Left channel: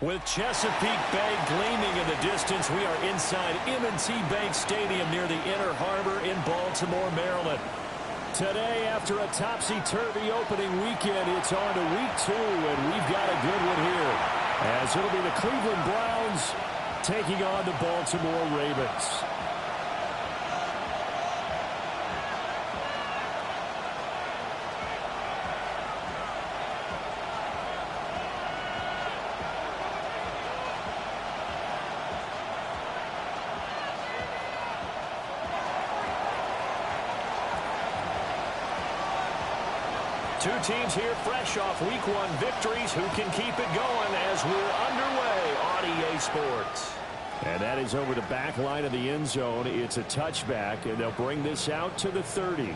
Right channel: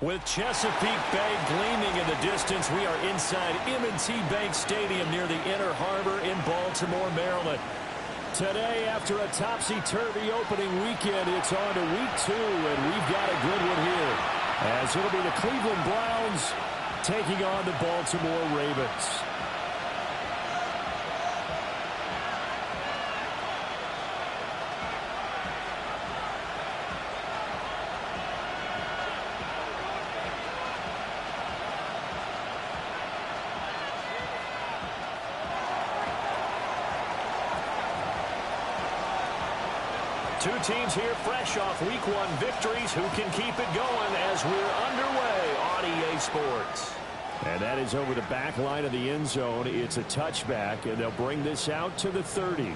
With Chesapeake Bay gleaming in the distance, we are inside M&T Bank Stadium near the Inner Harbor in Baltimore, Maryland. Today, after a topsy-turvy opening weekend, it's on to week 2, and we've got a good one here, as it'll be the Cleveland Browns taking on the Baltimore Ravens. Two teams here fresh off Week 1 victories. Who can keep it going as we're underway on EA Sports? And that is over the back line of the end zone. It's a touchback, and they'll bring this out to the 30.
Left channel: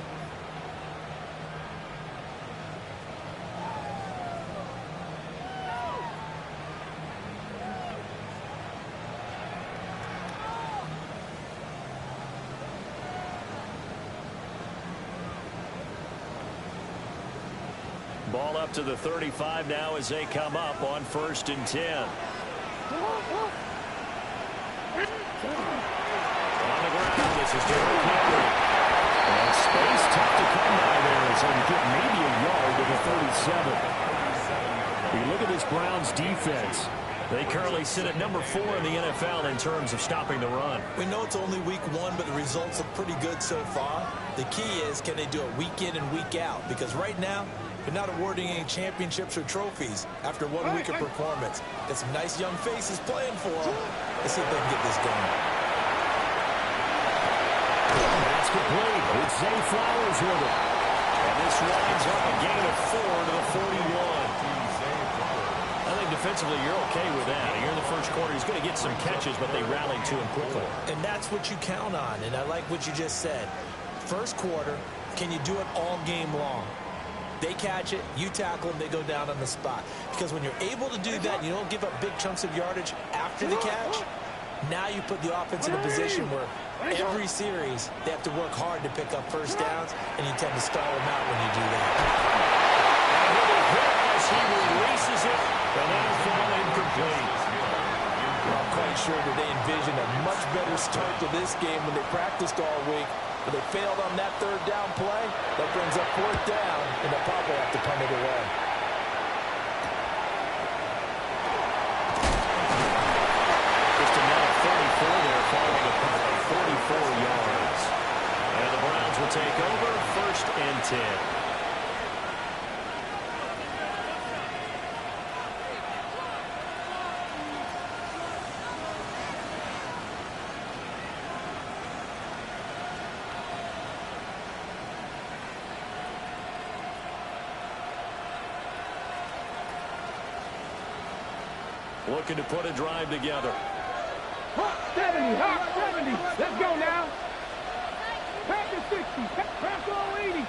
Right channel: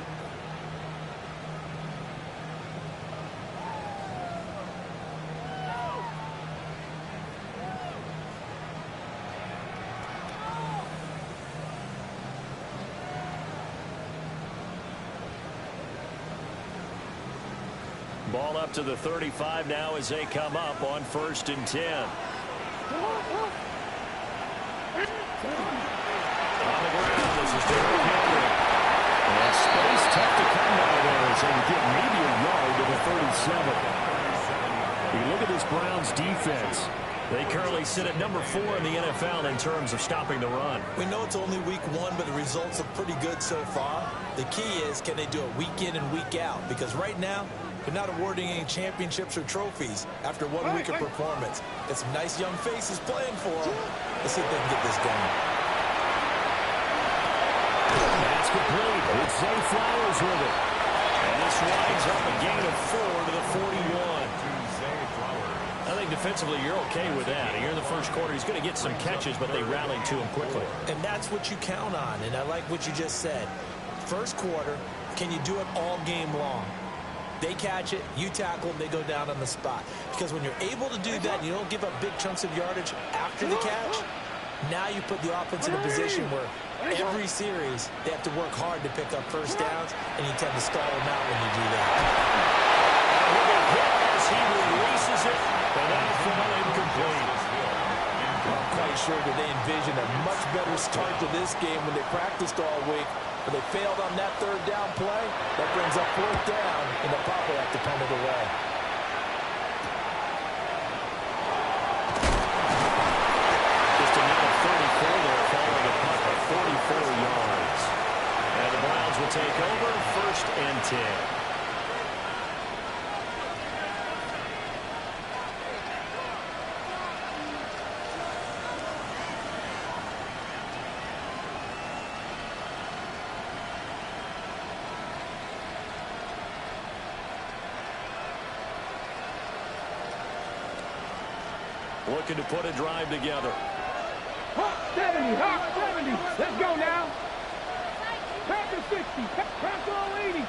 Ball up to the 35 now as they come up on 1st and 10. On the ground, this is Derrick Henry. And space tough to come by there as they get maybe a yard to the 37. You look at this Browns defense. They currently sit at number 4 in the NFL in terms of stopping the run. We know it's only week 1, but the results look pretty good so far. The key is, can they do it week in and week out? Because right now, they're not awarding any championships or trophies after 1 week of performance. Got some nice young faces playing for them. Let's see if they can get this done. That's complete. It's Zay Flowers with it. And this winds up a gain of 4 to the 41. I think defensively you're okay with that. Here in the first quarter, he's going to get some catches, but they rallied to him quickly. And that's what you count on, and I like what you just said. First quarter, can you do it all game long? They catch it, you tackle them, they go down on the spot. Because when you're able to do that, and you don't give up big chunks of yardage after the catch, now you put the offense in a position where every series they have to work hard to pick up first downs, and you tend to stall them out when you do that. And with a hit as he releases it, but that'll fall incomplete. I'm quite sure that they envisioned a much better start to this game when they practiced all week. But they failed on that 3rd down play. That brings up 4th down, and they'll probably have to punt it away. Just a net of 34 there following a punt of 44 yards. And the Browns will take over 1st and 10. Looking to put a drive together. Hawk 70, Hawk 70. Let's go now. Packers 60, Packers 80.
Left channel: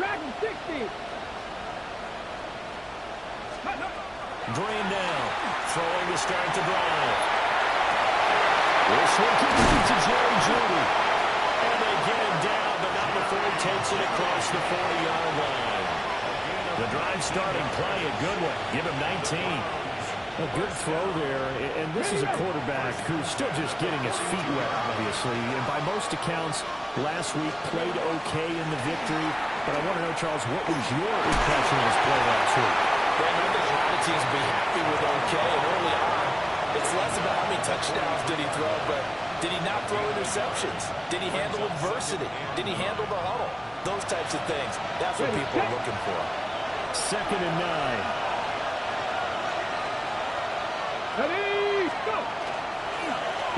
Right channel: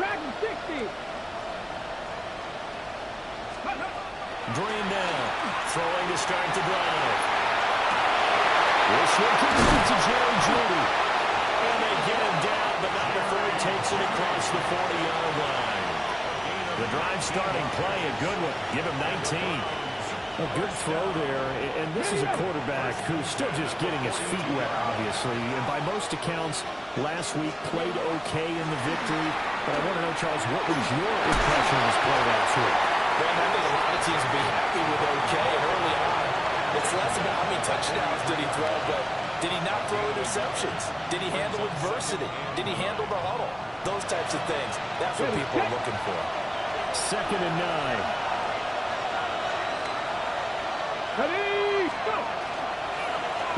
Packers 60. Drain down. Throwing to start the drive. This one complete to Jerry Jeudy. And they get him down, but not before he takes it across the 40-yard line. The drive starting play, a good one. Give him 19. A good throw there, and this is a quarterback who's still just getting his feet wet, obviously. And by most accounts, last week played okay in the victory. But I want to know, Charles, what was your impression of his play last week? Brandon, I think a lot of teams will be happy with okay. And early on, it's less about how many touchdowns did he throw, but did he not throw interceptions? Did he handle adversity? Did he handle the huddle? Those types of things. That's what people are looking for. 2nd and 9. Ready, go!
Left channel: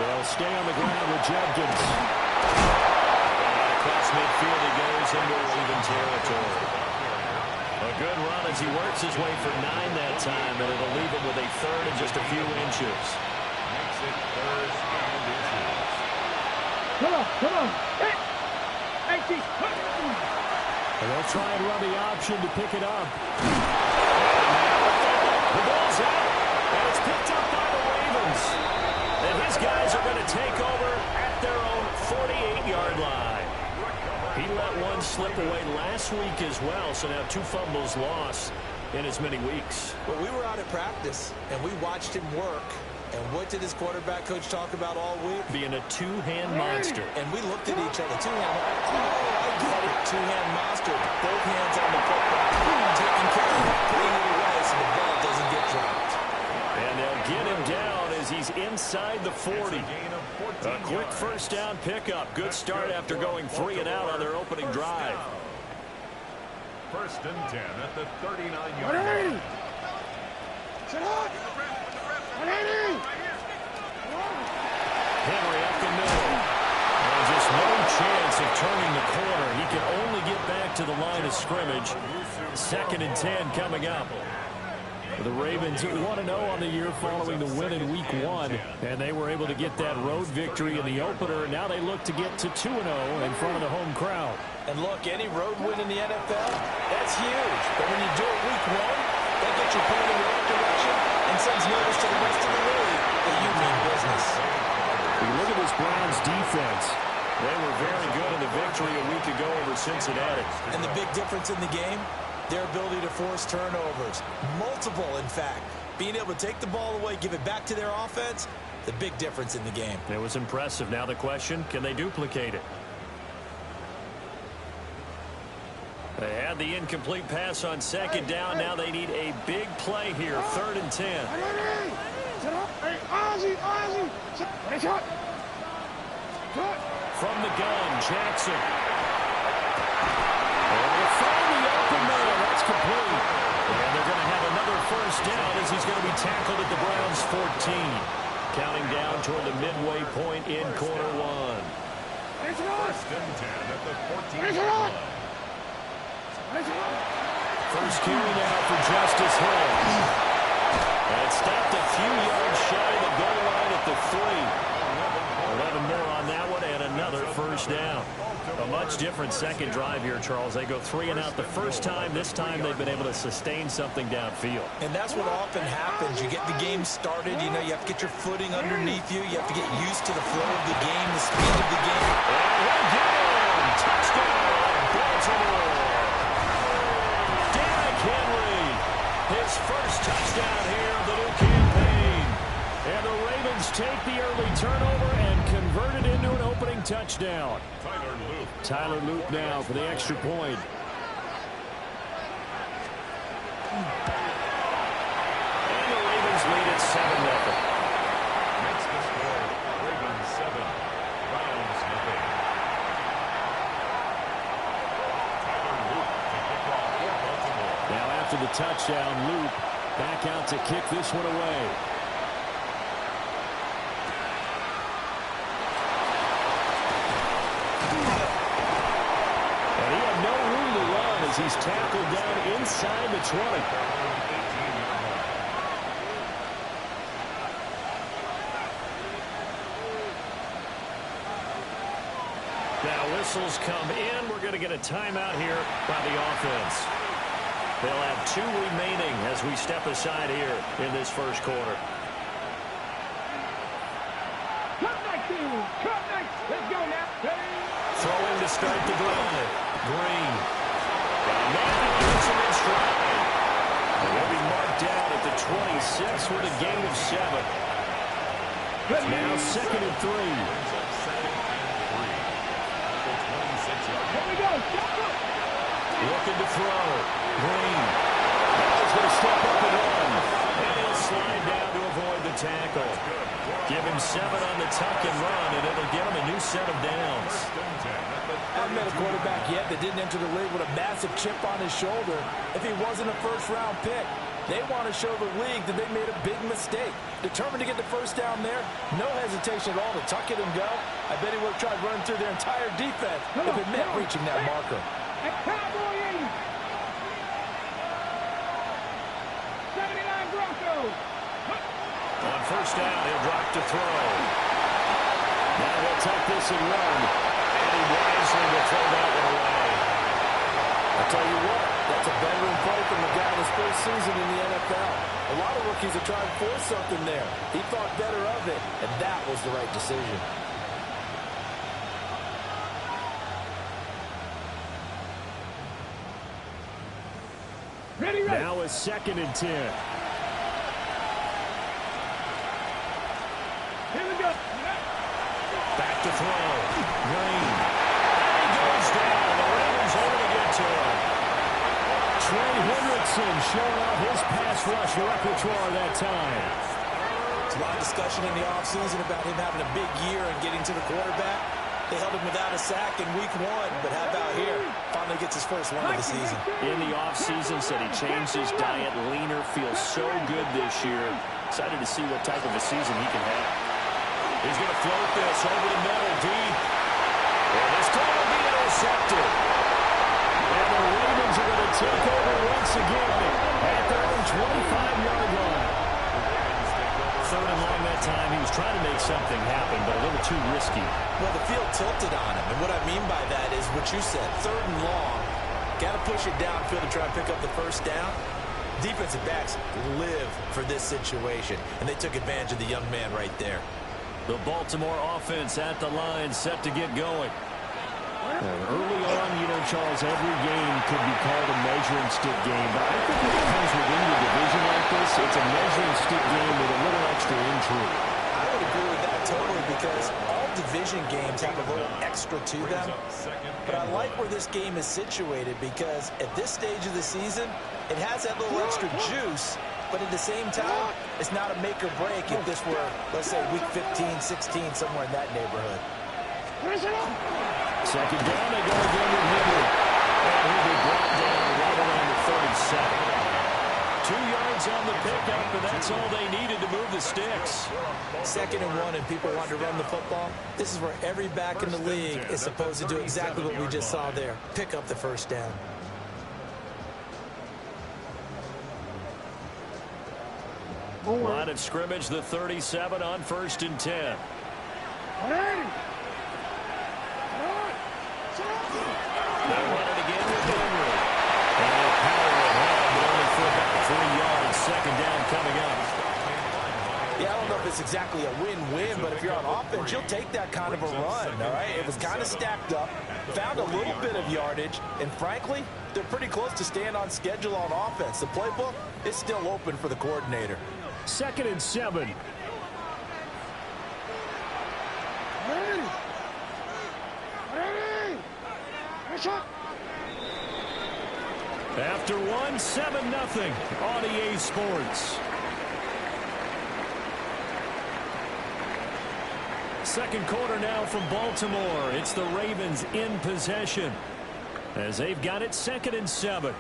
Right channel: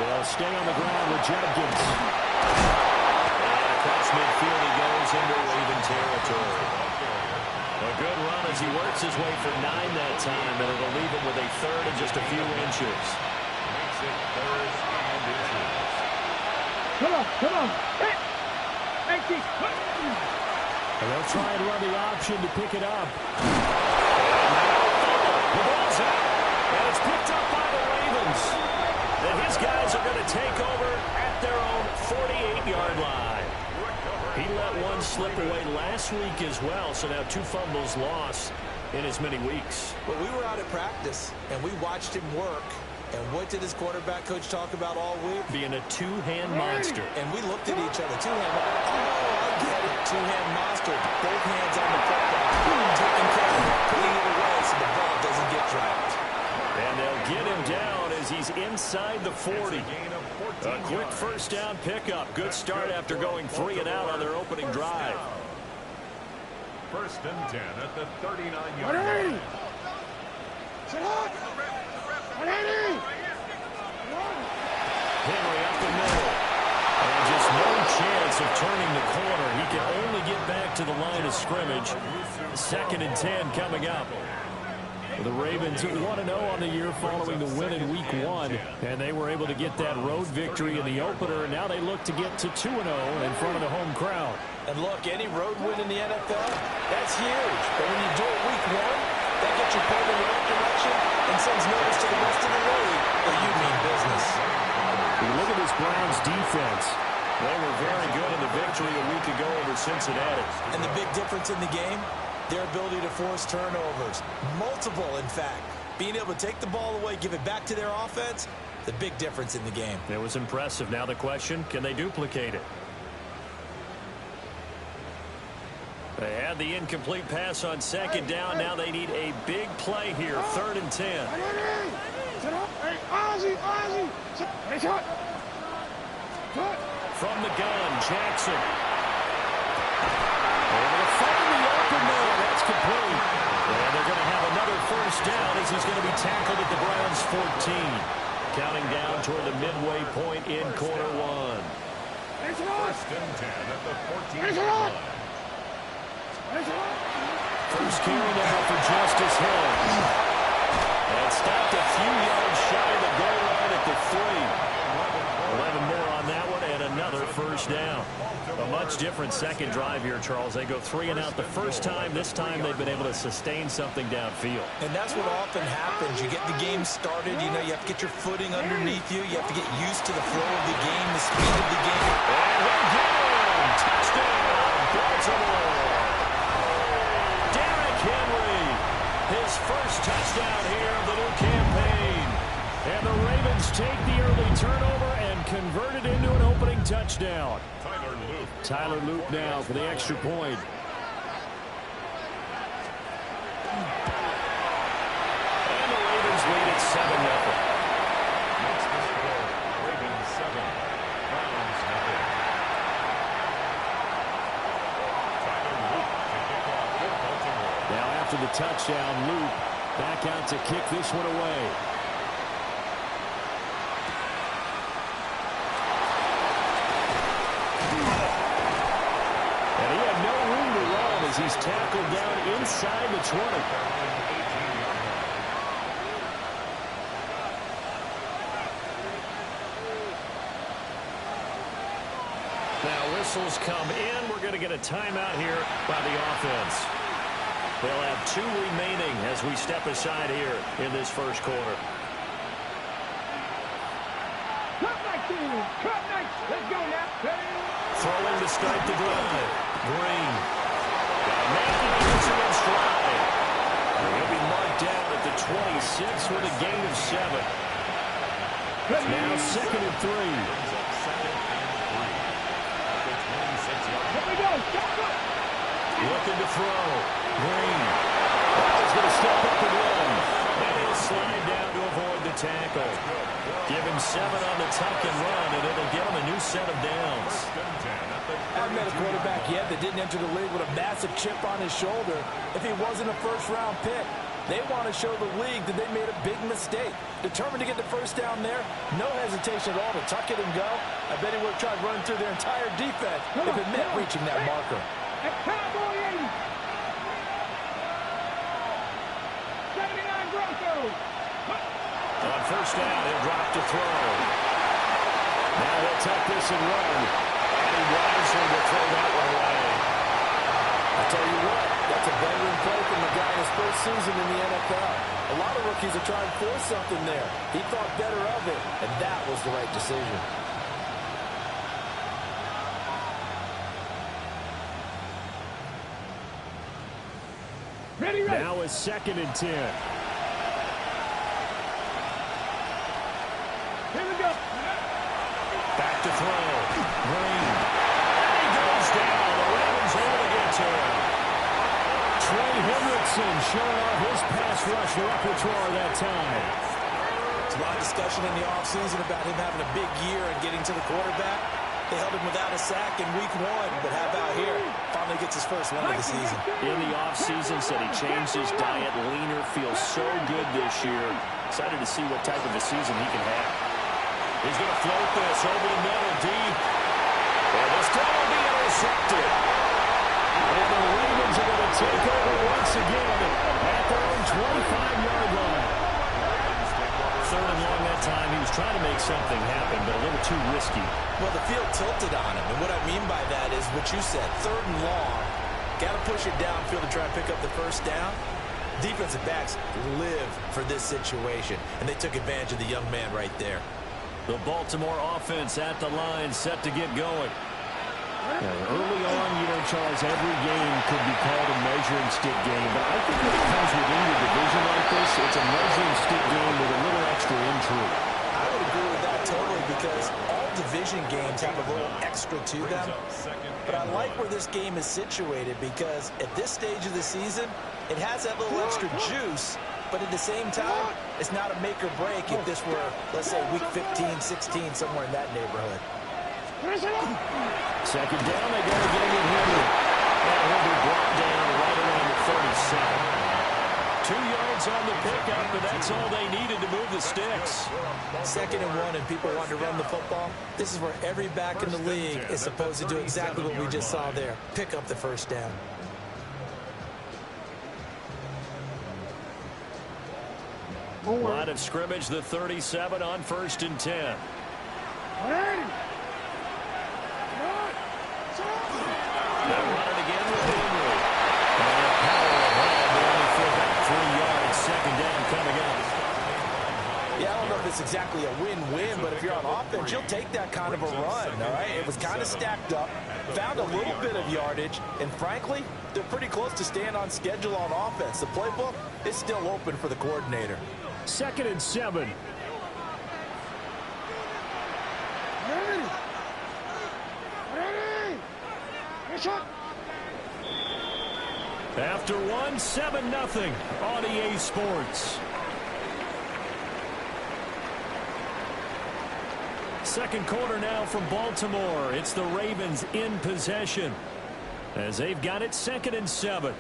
They'll stay on the ground with Judkins. And across midfield he goes into Raven territory. A good run as he works his way for 9 that time, and it'll leave him with a 3rd and just a few inches. Makes it 3rd and inches. Come on. Hey! And they'll try and run the option to pick it up. And now a fumble. The ball's out. And it's picked up by the Ravens. And his guys are going to take over at their own 48-yard line. He let one slip away last week as well, so now 2 fumbles lost. in as many weeks. Well, we were out at practice, and we watched him work. And what did his quarterback coach talk about all week? Being a two-hand monster. And we looked at each other. Two-hand. Oh, I get it. Two-hand monster. Both hands on the football. Taking care of it, putting it away so the ball doesn't get dropped. And they'll get him down as he's inside the 40. A quick first down pickup. Good start after going 3 and out on their opening drive. First and 10 at the 39-yard line. Henry up the middle. And just no chance of turning the corner. He can only get back to the line of scrimmage. 2nd and 10 coming up. The Ravens 1-0 on the year following the win in Week 1. And they were able to get that road victory in the opener. And now they look to get to 2-0 in front of the home crowd. And look, any road win in the NFL, that's huge. But when you do it Week 1, that gets you pointed in the right direction and sends notice to the rest of the league that you mean business. You look at this Browns defense. They were very good in the victory a week ago over Cincinnati. And the big difference in the game, their ability to force turnovers. Multiple, in fact. Being able to take the ball away, give it back to their offense, the big difference in the game. It was impressive. Now the question, can they duplicate it? They had the incomplete pass on 2nd down. Now they need a big play here. 3rd and 10. From the gun, Jackson. Able to find the open man. That's complete. And they're going to have another first down as he's going to be tackled at the Browns' 14. Counting down toward the midway point in quarter 1. First and 10 at the 14-yard line. First carry now for Justice Hill. And stopped a few yards shy of the goal line at the 3. 11 more on that one and another first down. A much different second drive here, Charles. They go 3 and out the first time. This time they've been able to sustain something downfield. And that's what often happens. You get the game started. You know, you have to get your footing underneath you. You have to get used to the flow of the game, the speed of the game. And he'll get him. Touchdown, Baltimore. Henry, his first touchdown here of the new campaign. And the Ravens take the early turnover and convert it into an opening touchdown. Tyler Luke now for the extra point. And the Ravens lead at 7-0. Makes the score Ravens 7, Browns nothing. Now after the touchdown, Luke back out to kick this one away. And he had no room to run as he's tackled down inside the 20. Now whistles come in. We're going to get a timeout here by the offense. They'll have 2 remaining as we step aside here in this first quarter. Let's go now. Throwing to start the drive. Green. Got a man and he gets him in stride. He'll be marked down at the 26 with a gain of 7. Now 2nd and 3. Here we go. Looking to throw. Green. Now he's going to step up and run. And he'll slide down to avoid the tackle. Give him 7 on the tuck and run, and it'll get him a new set of downs. I haven't met a quarterback yet that didn't enter the league with a massive chip on his shoulder if he wasn't a first-round pick. They want to show the league that they made a big mistake. Determined to get the first down there, no hesitation at all to tuck it and go. I bet he would have tried running through their entire defense if it meant reaching that marker. At Cowboy 80. 79 Broncos. On first down, he'll drop to throw. Now he'll tuck this and run. And he wisely will throw that one away. I tell you what, that's a veteran play from a guy in his first season in the NFL. A lot of rookies are trying to force something there. He thought better of it, and that was the right decision. Ready, ready. Now a 2nd and 10. Here we go. Back to throw. Green. And he goes down. The Ravens able to get to him. Trey Hendrickson showing off his pass rush repertoire that time. There's a lot of discussion in the offseason about him having a big year and getting to the quarterback. They held him without a sack in week 1, but how about here? Finally gets his first one of the season. In the offseason, said he changed his diet, leaner, feels so good this year. Excited to see what type of a season he can have. He's going to float this over the middle, deep. And this throw will be intercepted. And the Ravens are going to take over once again at their own 25-yard line. 3rd and long that time. He was trying to make something happen, but a little too risky. Well, the field tilted on him, and what I mean by that is what you said. 3rd and long, got to push it downfield to try and pick up the first down. Defensive backs live for this situation, and they took advantage of the young man right there. The Baltimore offense at the line, set to get going. Early on, you know, Charles, every game could be called a measuring stick game. But I think when it comes within your division like this, it's a measuring stick game with a little extra intrigue. I would agree with that totally because all division games have a little extra to them. But I like where this game is situated because at this stage of the season, it has that little extra juice. But at the same time, it's not a make or break if this were, let's say, week 15, 16, somewhere in that neighborhood. 2nd down, they go again with Henry. And he'll be brought down right around the 37. 2 yards on the pickup, and that's all they needed to move the sticks. 2nd and 1, and people want to run the football. This is where every back in the league is supposed to do exactly what we just saw there. Pick up the first down. Line of scrimmage, the 37 on 1st and 10. They'll run it again with Henry. And they'll power ahead, but only for about 3 yards. 2nd down coming up. Yeah, I don't know if it's exactly a win-win, but if you're on offense, you'll take that kind of a run, all right? It was kind of stacked up, found a little bit of yardage, and frankly, they're pretty close to staying on schedule on offense. The playbook is still open for the coordinator. 2nd and 7. After 1, 7-0 on EA Sports. 2nd quarter now from Baltimore. It's the Ravens in possession as they've got it 2nd and 7.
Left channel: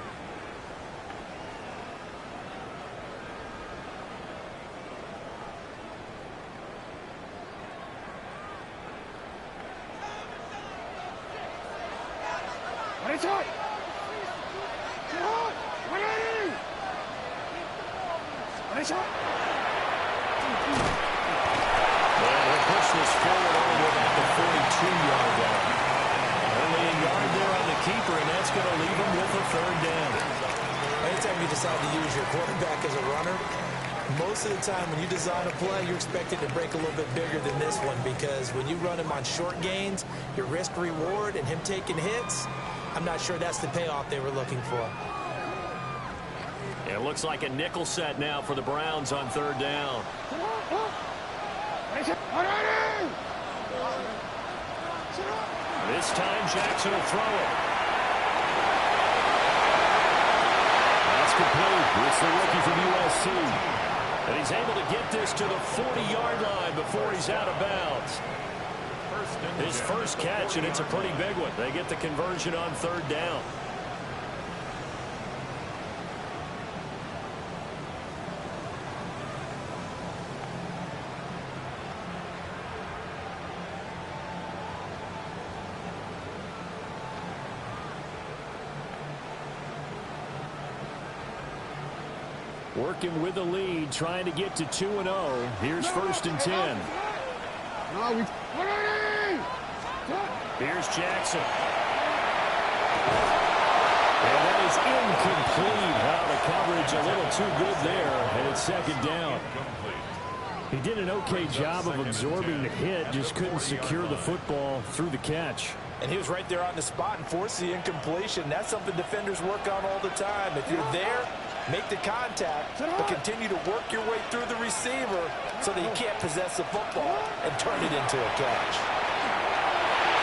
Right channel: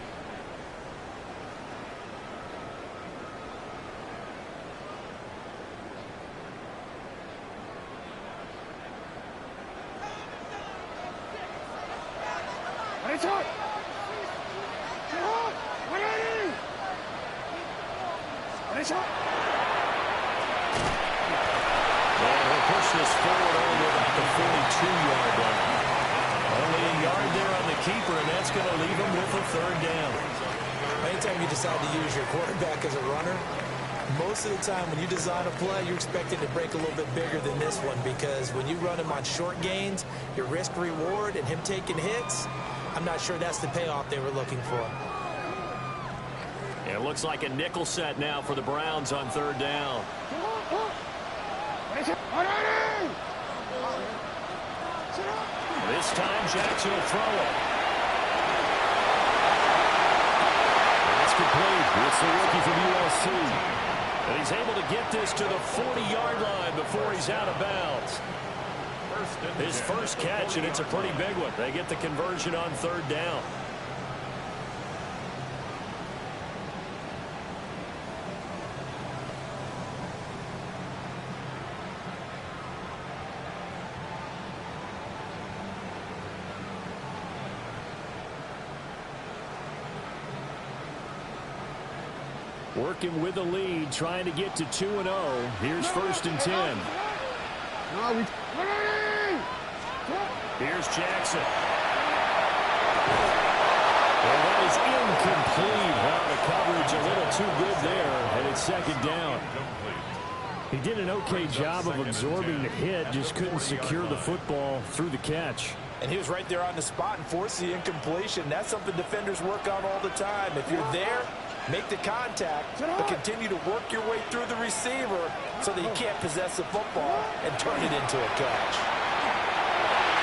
Well, he'll push this forward only to about the 42-yard line. Only a yard there on the keeper, and that's going to leave him with a 3rd down. Anytime you decide to use your quarterback as a runner, most of the time when you design a play, you're expected to break a little bit bigger than this one because when you run him on short gains, your risk-reward and him taking hits, I'm not sure that's the payoff they were looking for. It looks like a nickel set now for the Browns on 3rd down. This time Jackson will throw it. That's complete. It's the rookie from USC. And he's able to get this to the 40-yard line before he's out of bounds. His first catch, and it's a pretty big one. They get the conversion on 3rd down. Working with the lead, trying to get to 2-0. Here's 1st and 10. Here's Jackson. And that is incomplete. Well, the coverage a little too good there, and it's 2nd down. He did an okay job of absorbing the hit, just couldn't secure the football through the catch. And he was right there on the spot and forced the incompletion. That's something defenders work on all the time. If you're there, make the contact, but continue to work your way through the receiver so that he can't possess the football and turn it into a catch.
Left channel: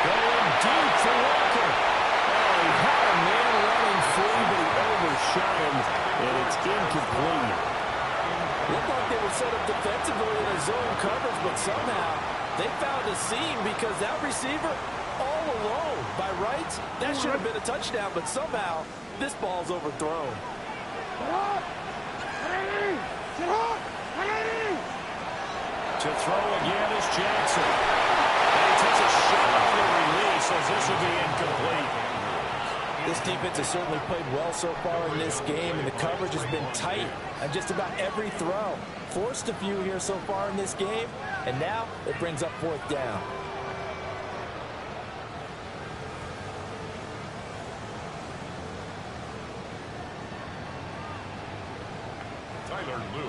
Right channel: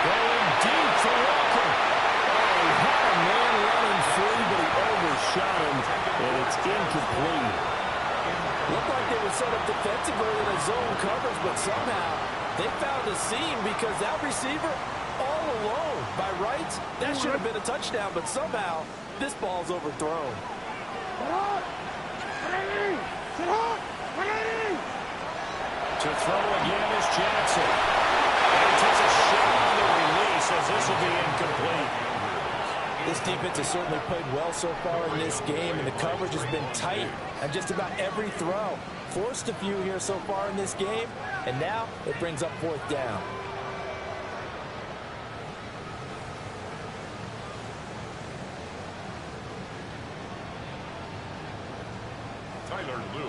Going deep for Walker. Oh, he had a man running free, but he overshot him, and it's incomplete. Looked like they were set up defensively in a zone coverage, but somehow they found a seam because that receiver all alone. By rights, that should have been a touchdown, but somehow this ball's overthrown. To throw again is Jackson. And he takes a shot on the release as this will be incomplete. This defense has certainly played well so far in this game, and the coverage has been tight on just about every throw. Forced a few here so far in this game, and now it brings up fourth down.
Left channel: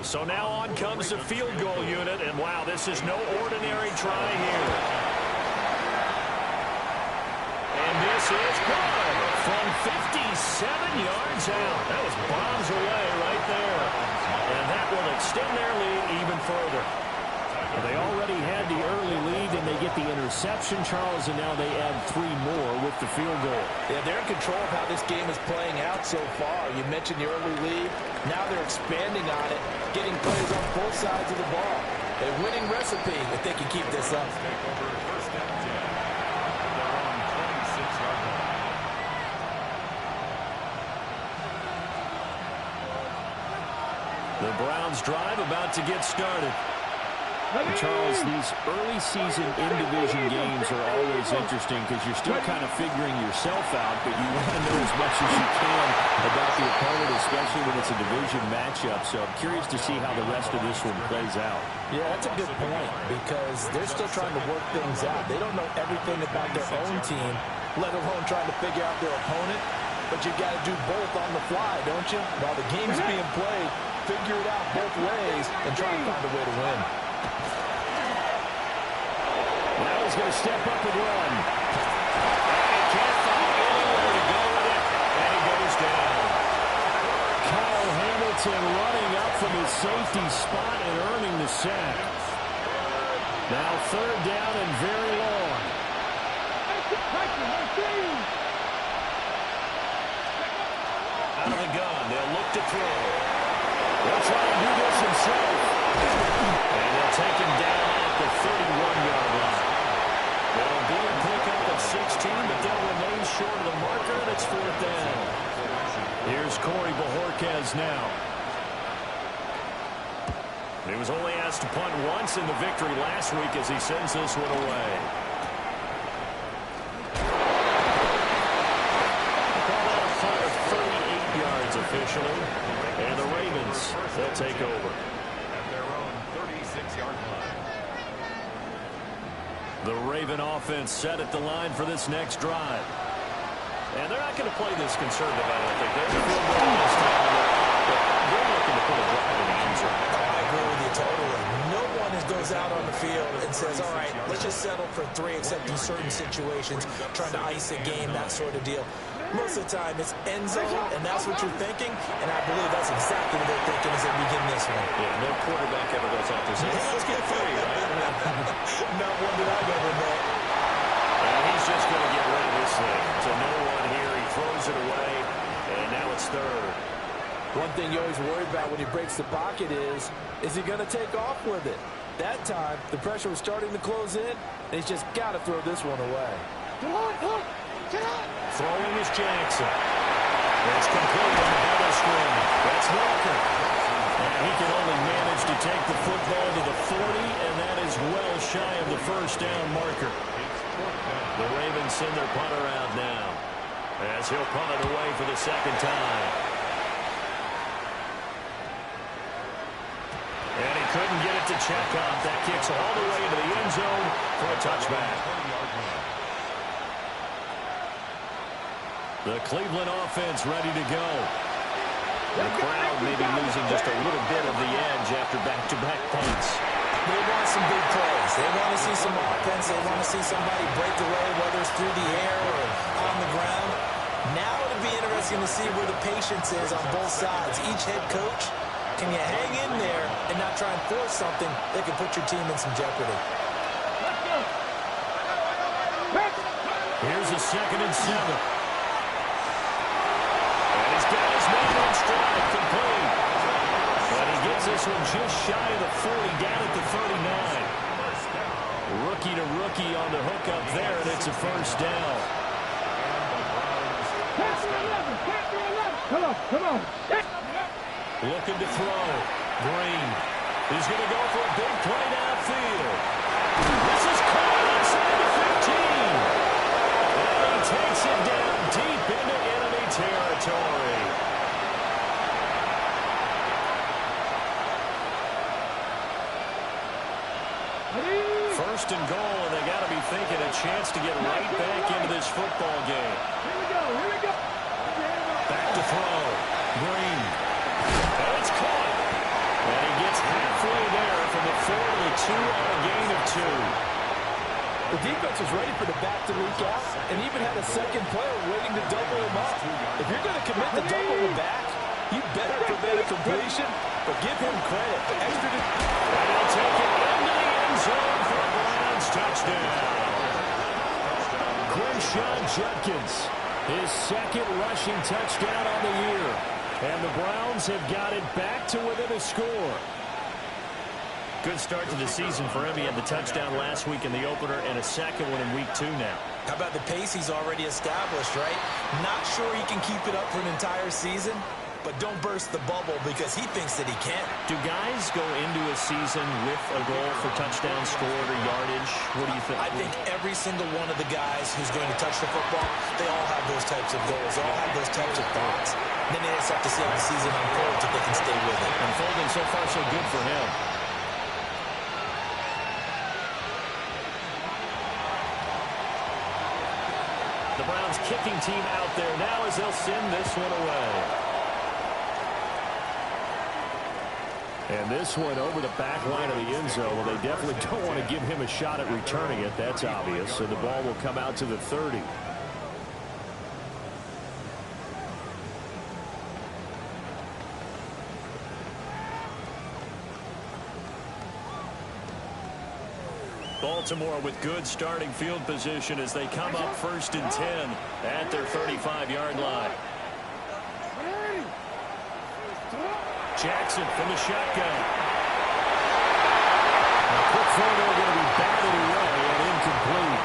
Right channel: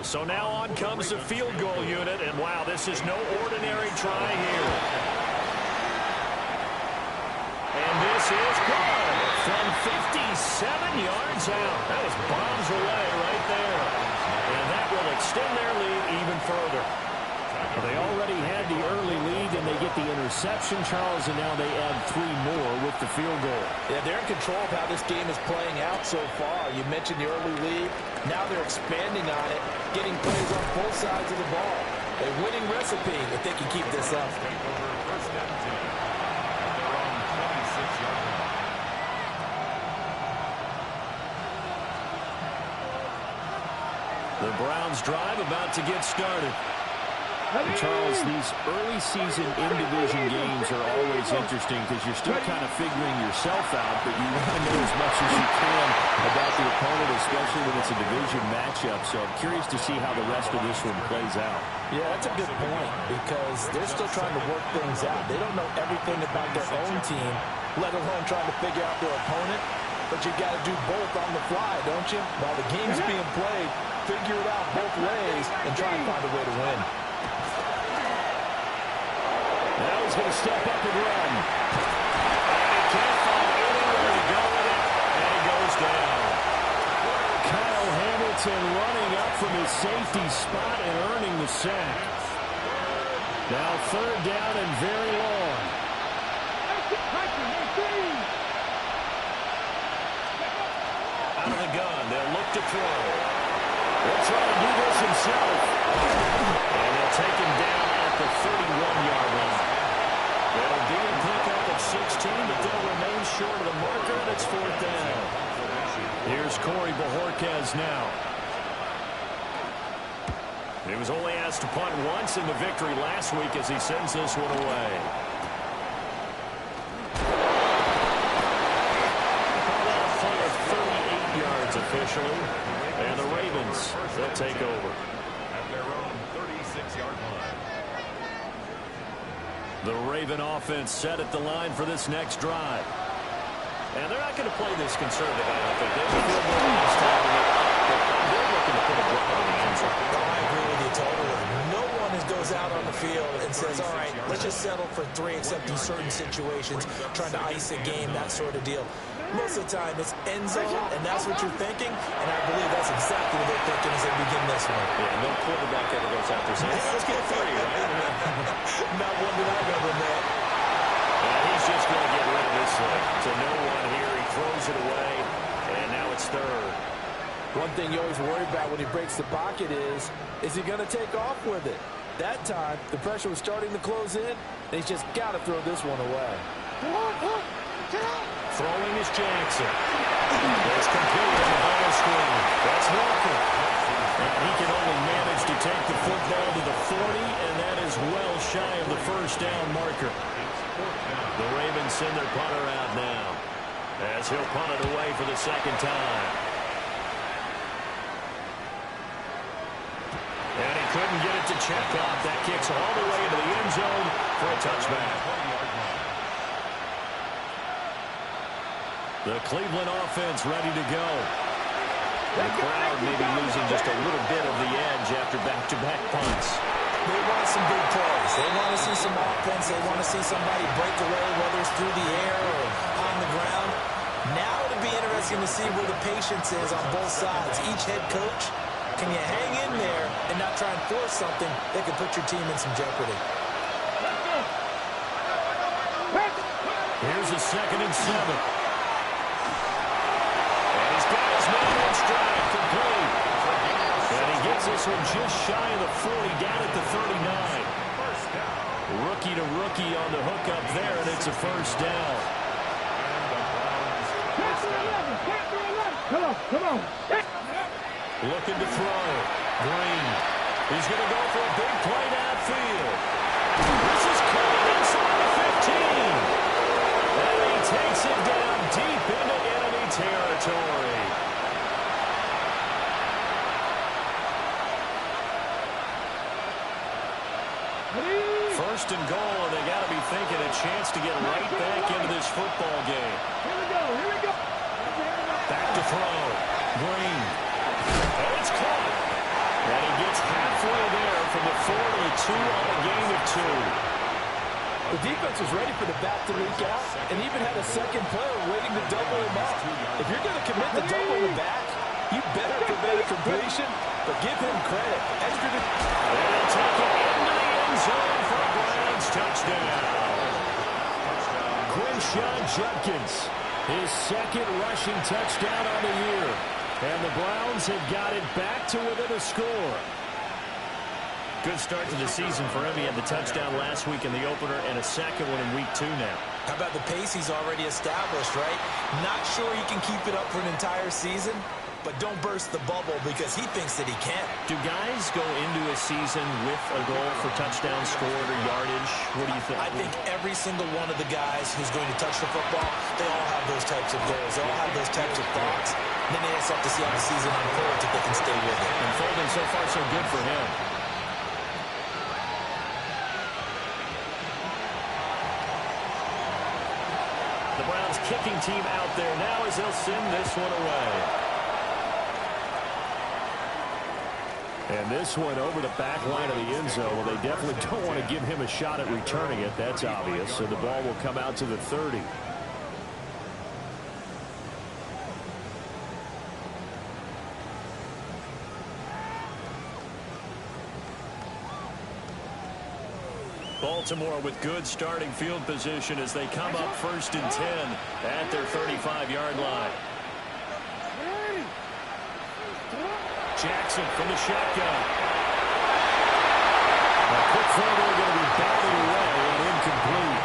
So now on comes the field goal unit, and wow, this is no ordinary try here. And this is good from 57 yards out. That was bombs away right there. And that will extend their lead even further. Well, they already had the early lead, and they get the interception, Charles, and now they add 3 more with the field goal. Yeah, they're in control of how this game is playing out so far. You mentioned the early lead. Now they're expanding on it, getting plays on both sides of the ball. A winning recipe if they can keep this up. Take over first and 10 at their own 26-yard line. The Browns drive about to get started. And Charles, these early season in-division games are always interesting because you're still kind of figuring yourself out, but you want to know as much as you can about the opponent, especially when it's a division matchup. So I'm curious to see how the rest of this one plays out. Yeah, that's a good point because they're still trying to work things out. They don't know everything about their own team, let alone trying to figure out their opponent. But you've got to do both on the fly, don't you? While the game's being played, figure it out both ways and try and find a way to win. Now he's going to step up and run. And he can't find anywhere to go with it, and he goes down. Kyle Hamilton running up from his safety spot and earning the sack. Now third down and very long. Out of the gun, they'll look to throw. He'll try to do this himself. And they'll take him down at the 31-yard line. It'll be a pickup of 16, but they'll remain short of the marker, and it's fourth down. Here's Corey Bojorquez now. He was only asked to punt once in the victory last week as he sends this one away. Call that a punt of 38 yards officially. And the Ravens, they'll take over. At their own 36-yard line. The Raven offense set at the line for this next drive. And they're not going to play this conservative, I don't think. They have a field goal this time, and they're up, but they're looking to put a drive in the end zone. Oh, I agree with you totally. No one goes out on the field and says, all right, let's just settle for 3, except in certain situations, trying to ice a game, that sort of deal. Most of the time, it's end zone, and that's what you're thinking, and I believe that's exactly what they're thinking as they begin this one. Yeah, no quarterback ever goes out there saying, hey, let's get 3, right? Not one that I've ever met. And he's just going to get rid of this thing. To no one here. He throws it away, and now it's third. One thing you always worry about when he breaks the pocket is he going to take off with it? That time, the pressure was starting to close in, and he's just got to throw this one away. Throwing is Jackson. It's complete on the bubble screen. That's Walker. And he can only manage to take the football to the 40, and that is well shy of the first down marker. The Ravens send their punter out now as he'll punt it away for the second time. And he couldn't get it to check up. That kicks all the way into the end zone for a touchback. The Cleveland offense ready to go. The crowd maybe losing just a little bit of the edge after back-to-back punts. They want some big plays. They want to see some offense. They want to see somebody break away, whether it's through the air or on the ground. Now it'll be interesting to see where the patience is on both sides. Each head coach, can you hang in there and not try and force something that could put your team in some jeopardy? Let's go. Here's a 2nd and 7. And he's got his man on stride, complete. And he gets this one just shy of the 40, down at the 39. Rookie to rookie on the hook up there, and it's a first down. Come on, come on. Looking to throw. Green. He's going to go for a big play downfield. This is caught inside the 15. And he takes it down deep into enemy territory. First and goal, and they got to be thinking a chance to get right back into this football game. Here we go, here we go. Back to throw. Green. And it's caught. And he gets halfway there from the 4 to the 2 on a gain of 2. The defense was ready for the back to leak out and even had a second player waiting to double him up. If you're going to commit to doubling the back, you better prevent a completion, but give him credit. Extra to... And he'll take it into the end zone for a Browns touchdown. Quinshon Judkins, his 2nd rushing touchdown on the year. And the Browns have got it back to within a score. Good start to the season for him. He had the touchdown last week in the opener and a 2nd one in week 2 now. How about the pace he's already established, right? Not sure he can keep it up for an entire season, but don't burst the bubble because he thinks that he can. Do guys go into a season with a goal for touchdown scored or yardage? What do you think? I think every single one of the guys who's going to touch the football, they all have those types of goals. They all have those types of thoughts. Then they just have to see how the season unfolds if they can stay with it. Unfolding so far so good for him. The Browns kicking team out there now as they'll send this one away. And this one over the back line of the end zone. Well, they definitely don't want to give him a shot at returning it. That's obvious. So the ball will come out to the 30. Baltimore with good starting field position as they come up 1st and 10 at their 35-yard line. Jackson from the shotgun. A quick throw there going to be batted away and incomplete.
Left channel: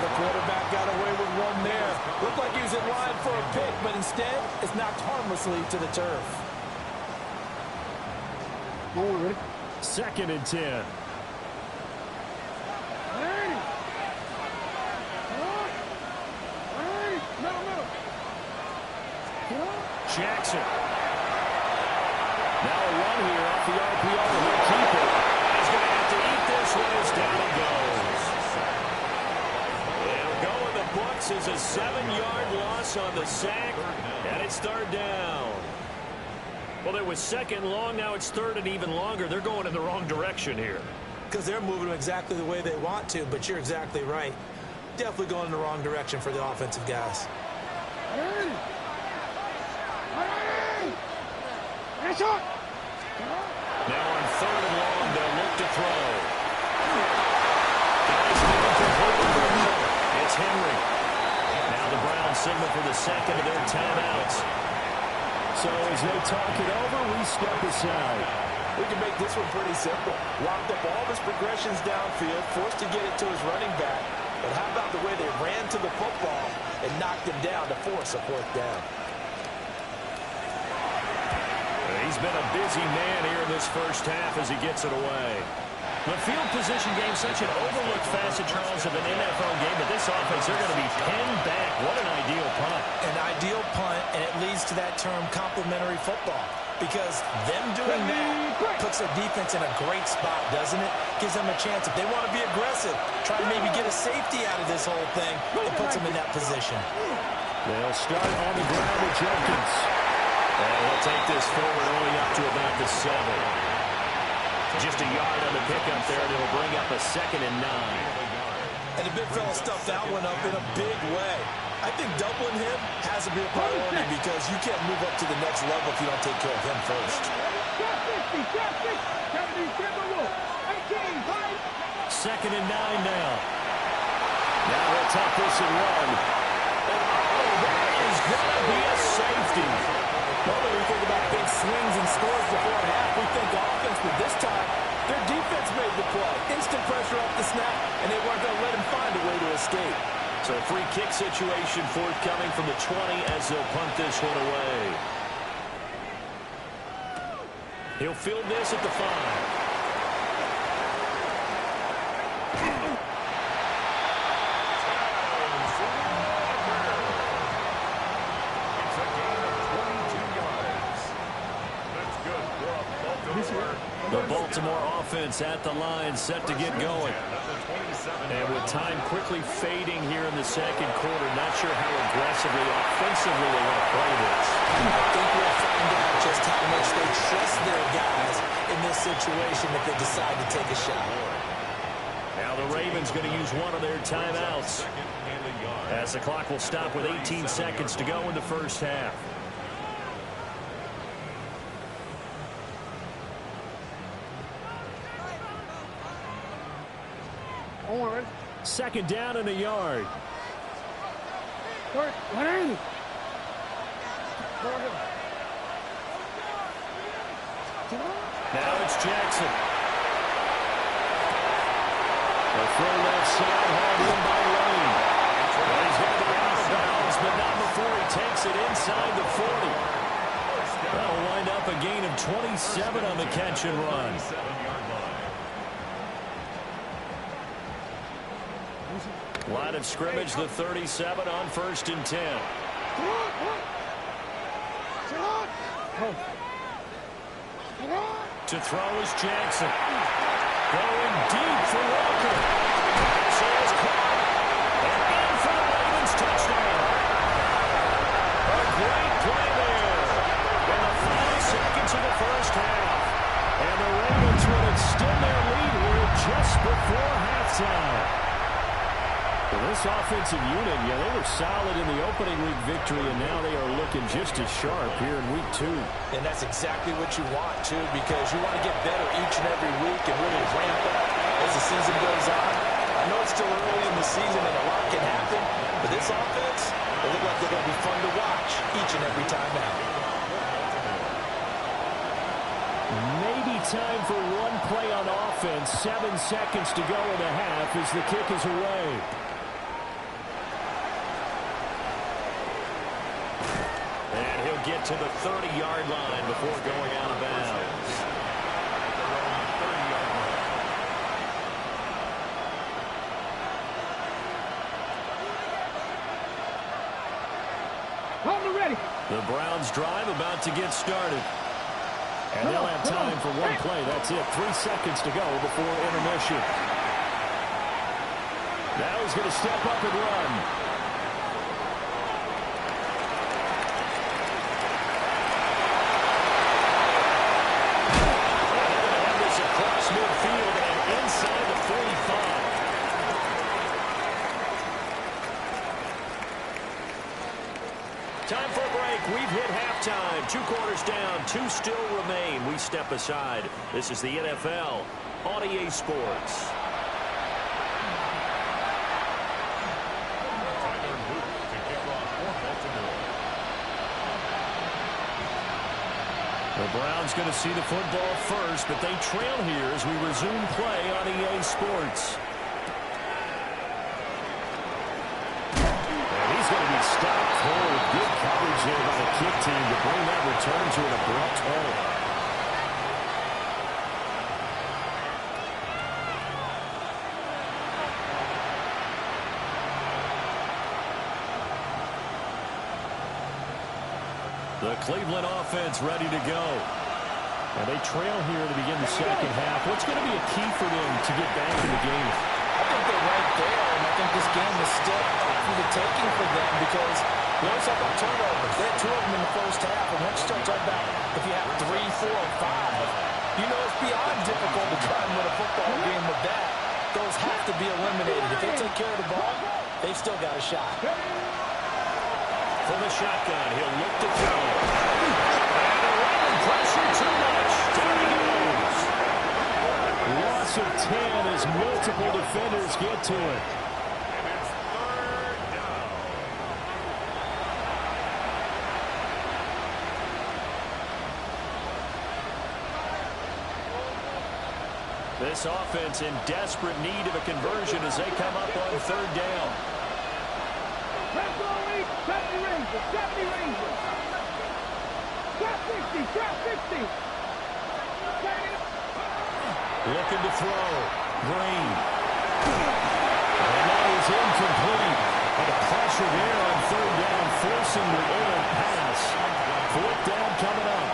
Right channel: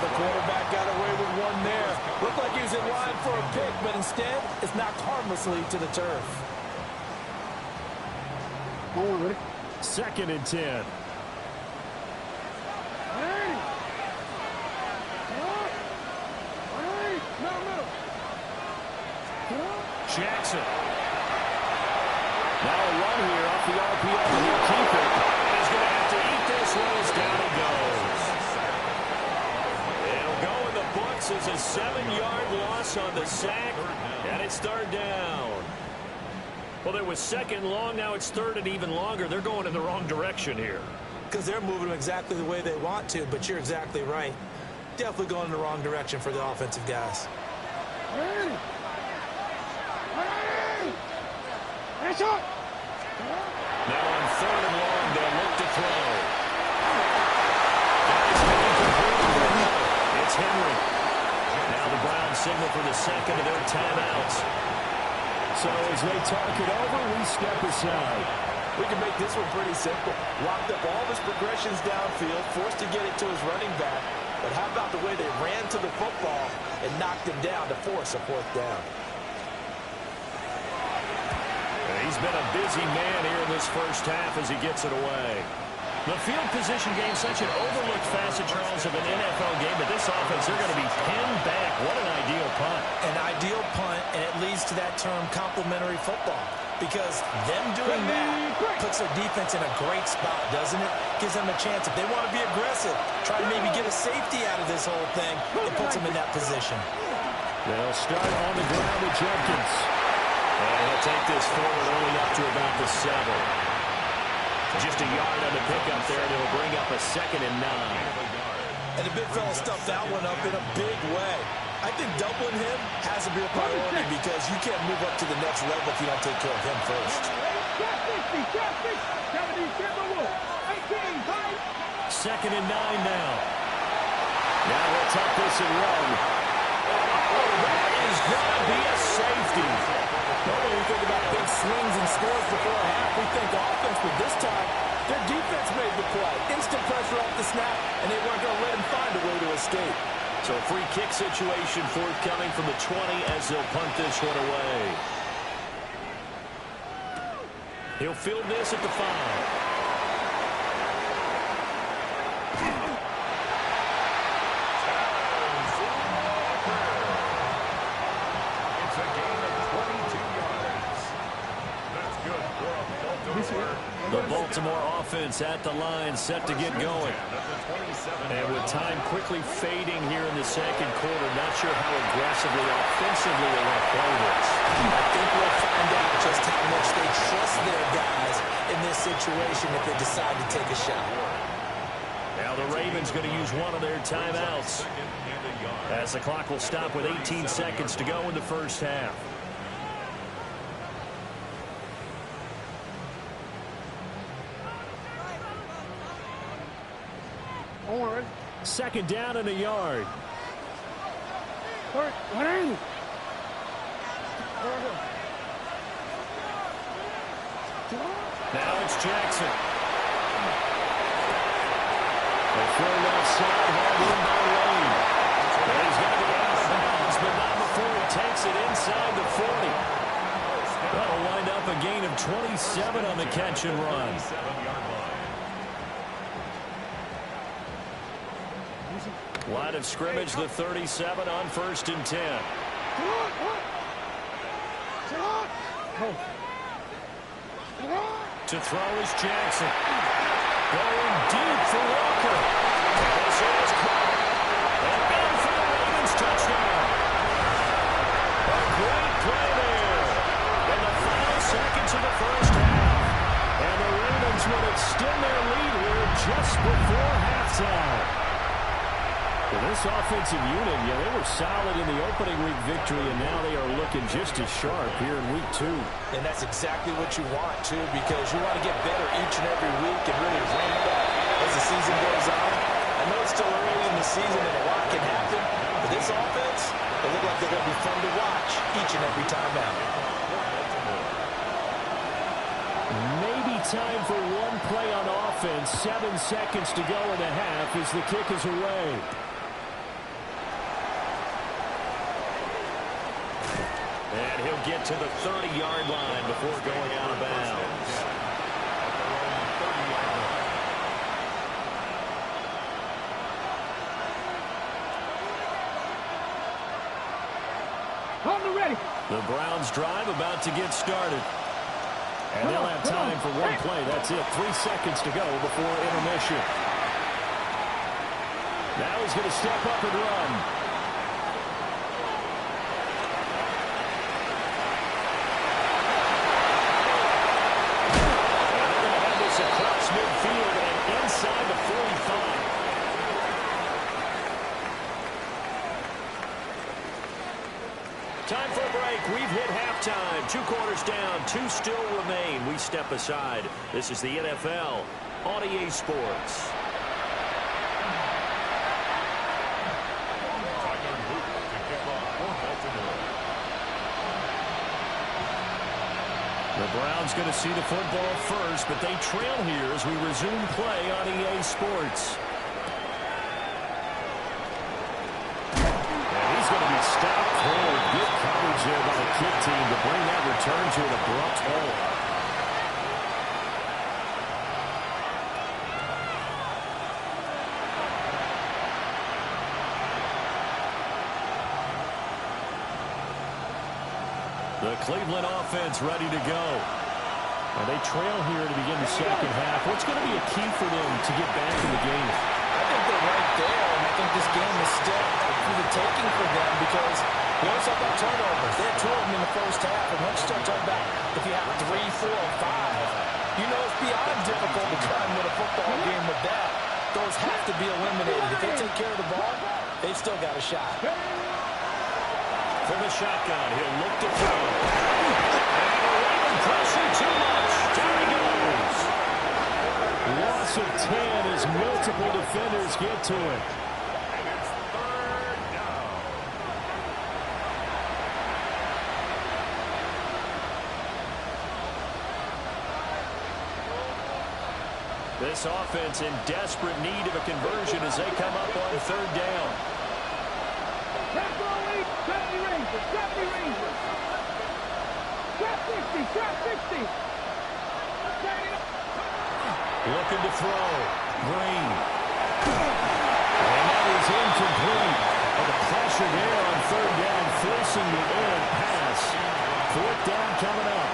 The quarterback got away with one there. Looked like he was in line for a pick, but instead it's knocked harmlessly to the turf. 2nd and 10. Jackson. Now a run here off the RPO, and he'll keep it. And he's going to have to eat this one as down he goes. It'll go in the books as a 7-yard loss on the sack, and it's 3rd down. Well, it was 2nd and long, now it's 3rd and even longer. They're going in the wrong direction here. Because they're moving exactly the way they want to, but you're exactly right. Definitely going in the wrong direction for the offensive guys. Now on 3rd and long, they'll look to throw. That is incomplete for Hill. It's Henry. Now the Browns signal for the 2nd of their timeouts. So as they talk it over, we step aside. We can make this one pretty simple. Locked up all of his progressions downfield, forced to get it to his running back. But how about the way they ran to the football and knocked him down to force a 4th down? He's been a busy man here in this first half as he gets it away. The field position game, such an overlooked facet, Charles, of an NFL game, but this offense, they're going to be pinned back. What an ideal punt. An ideal punt, and it leads to that term complementary football. Because them doing that puts their defense in a great spot, doesn't it? Gives them a chance. If they want to be aggressive, try to maybe get a safety out of this whole thing, it puts them in that position. They'll start on the ground with Jenkins. And he'll take this forward only up to about the 7. Just a yard on the pickup there, and it'll bring up a 2nd and 9. And the big fella stuffed that one up in a big way. I think doubling him has to be a priority because you can't move up to the next level if you don't take care of him first. 2nd and 9 now. Now he'll tuck this and run. Oh, that is going to be a safety. Normally we think about big swings and scores before half. We think offense, but this time their defense made the play. Instant pressure off the snap, and they weren't going to let him find a way to escape. So a free kick situation forthcoming from the 20 as they'll punt this one away. He'll field this at the 5. It's a gain of 22 yards. That's good for a Baltimore. The Baltimore offense at the line, set to get going. And with time quickly fading here in the second quarter, not sure how aggressively, offensively they want to play this. I think we'll find out just how much they trust their guys in this situation if they decide to take a shot. Now the Ravens going to use one of their timeouts, as the clock will stop with 18 seconds to go in the first half. Second down and a yard. Now it's Jackson. The throw left side, hauled in by Lane. And he's going to be out of bounds, but not before he takes it inside the 40. That'll wind up a gain of 27 on the catch and run. Line of scrimmage, the 37 on 1st and 10. To throw is Jackson. Going deep for Walker. This is caught. And in for the Ravens touchdown. A great play there. In the final seconds of the first half. And the Ravens would extend their lead here just before halftime. Well, this offensive unit, yeah, they were solid in the opening week victory, and now they are looking just as sharp here in week 2. And that's exactly what you want, too, because you want to get better each and every week and really ramp up as the season goes on. I know it's still early in the season and a lot can happen, but this offense, they look like they're going to be fun to watch each and every time out. Maybe time for one play on offense. 7 seconds to go in the half as the kick is away. And he'll get to the 30-yard line before going out of bounds. At their own 30-yard line. On the ready. The Browns drive about to get started. And they'll have time for one play. That's it. 3 seconds to go before intermission. Now he's going to step up and run. Across midfield and inside the 45. Time for a break. We've hit halftime. 2 quarters down. 2 still remain. We step aside. This is the NFL on EA Sports. Tyler Luke to kick off for Baltimore. The Browns going to see the football first, but they trail here as we resume play on EA Sports. And he's going to be stopped cold. Good coverage there by the kick team to bring that return to an abrupt halt. The Cleveland offense ready to go. And they trail here to begin the second half. What's going to be a key for them to get back in the game? I think they're right there, and I think this game is still for the taking for them because we always talk about turnovers. They had 2 of them in the first half, and once you start talking about if you have 3, 4, or 5, You know it's beyond difficult to try and win a football game with that. Those have to be eliminated. If they take care of the ball, they've still got a shot. From the shotgun, he'll look to throw. And the Raven pressure too much. Down he goes. Loss of 10 as multiple defenders get to it. And it's third down. This offense in desperate need of a conversion as they come up on third down. Press all week, 70 Rangers, 70 Rangers. Drop 60, drop 60. Looking to throw. Green. And that is incomplete. But the pressure there on third down, forcing the errant pass. Fourth down coming up.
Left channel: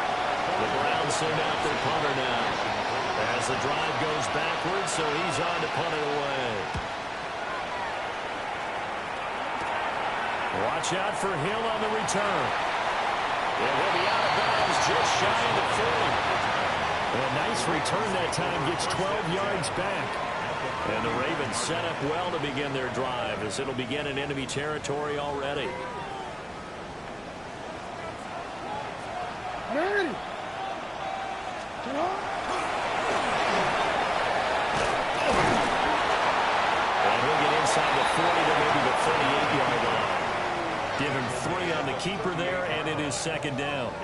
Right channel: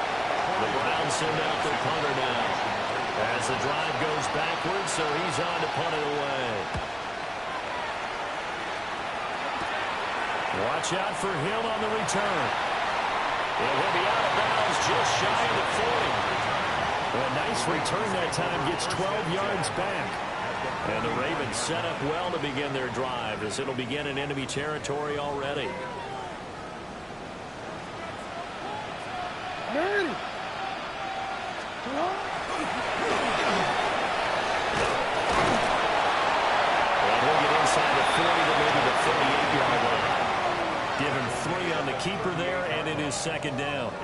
The Browns send out their punter now. As the drive goes backwards, so he's on to punt it away. Watch out for Hill on the return. And he'll be out of bounds just shy of the 40. A nice return that time, gets 12 yards back. And the Ravens set up well to begin their drive as it'll begin in enemy territory already. Ready. And he'll get inside the 40 to maybe the 38-yard line. Give him 3 on the keeper there, and it is second down.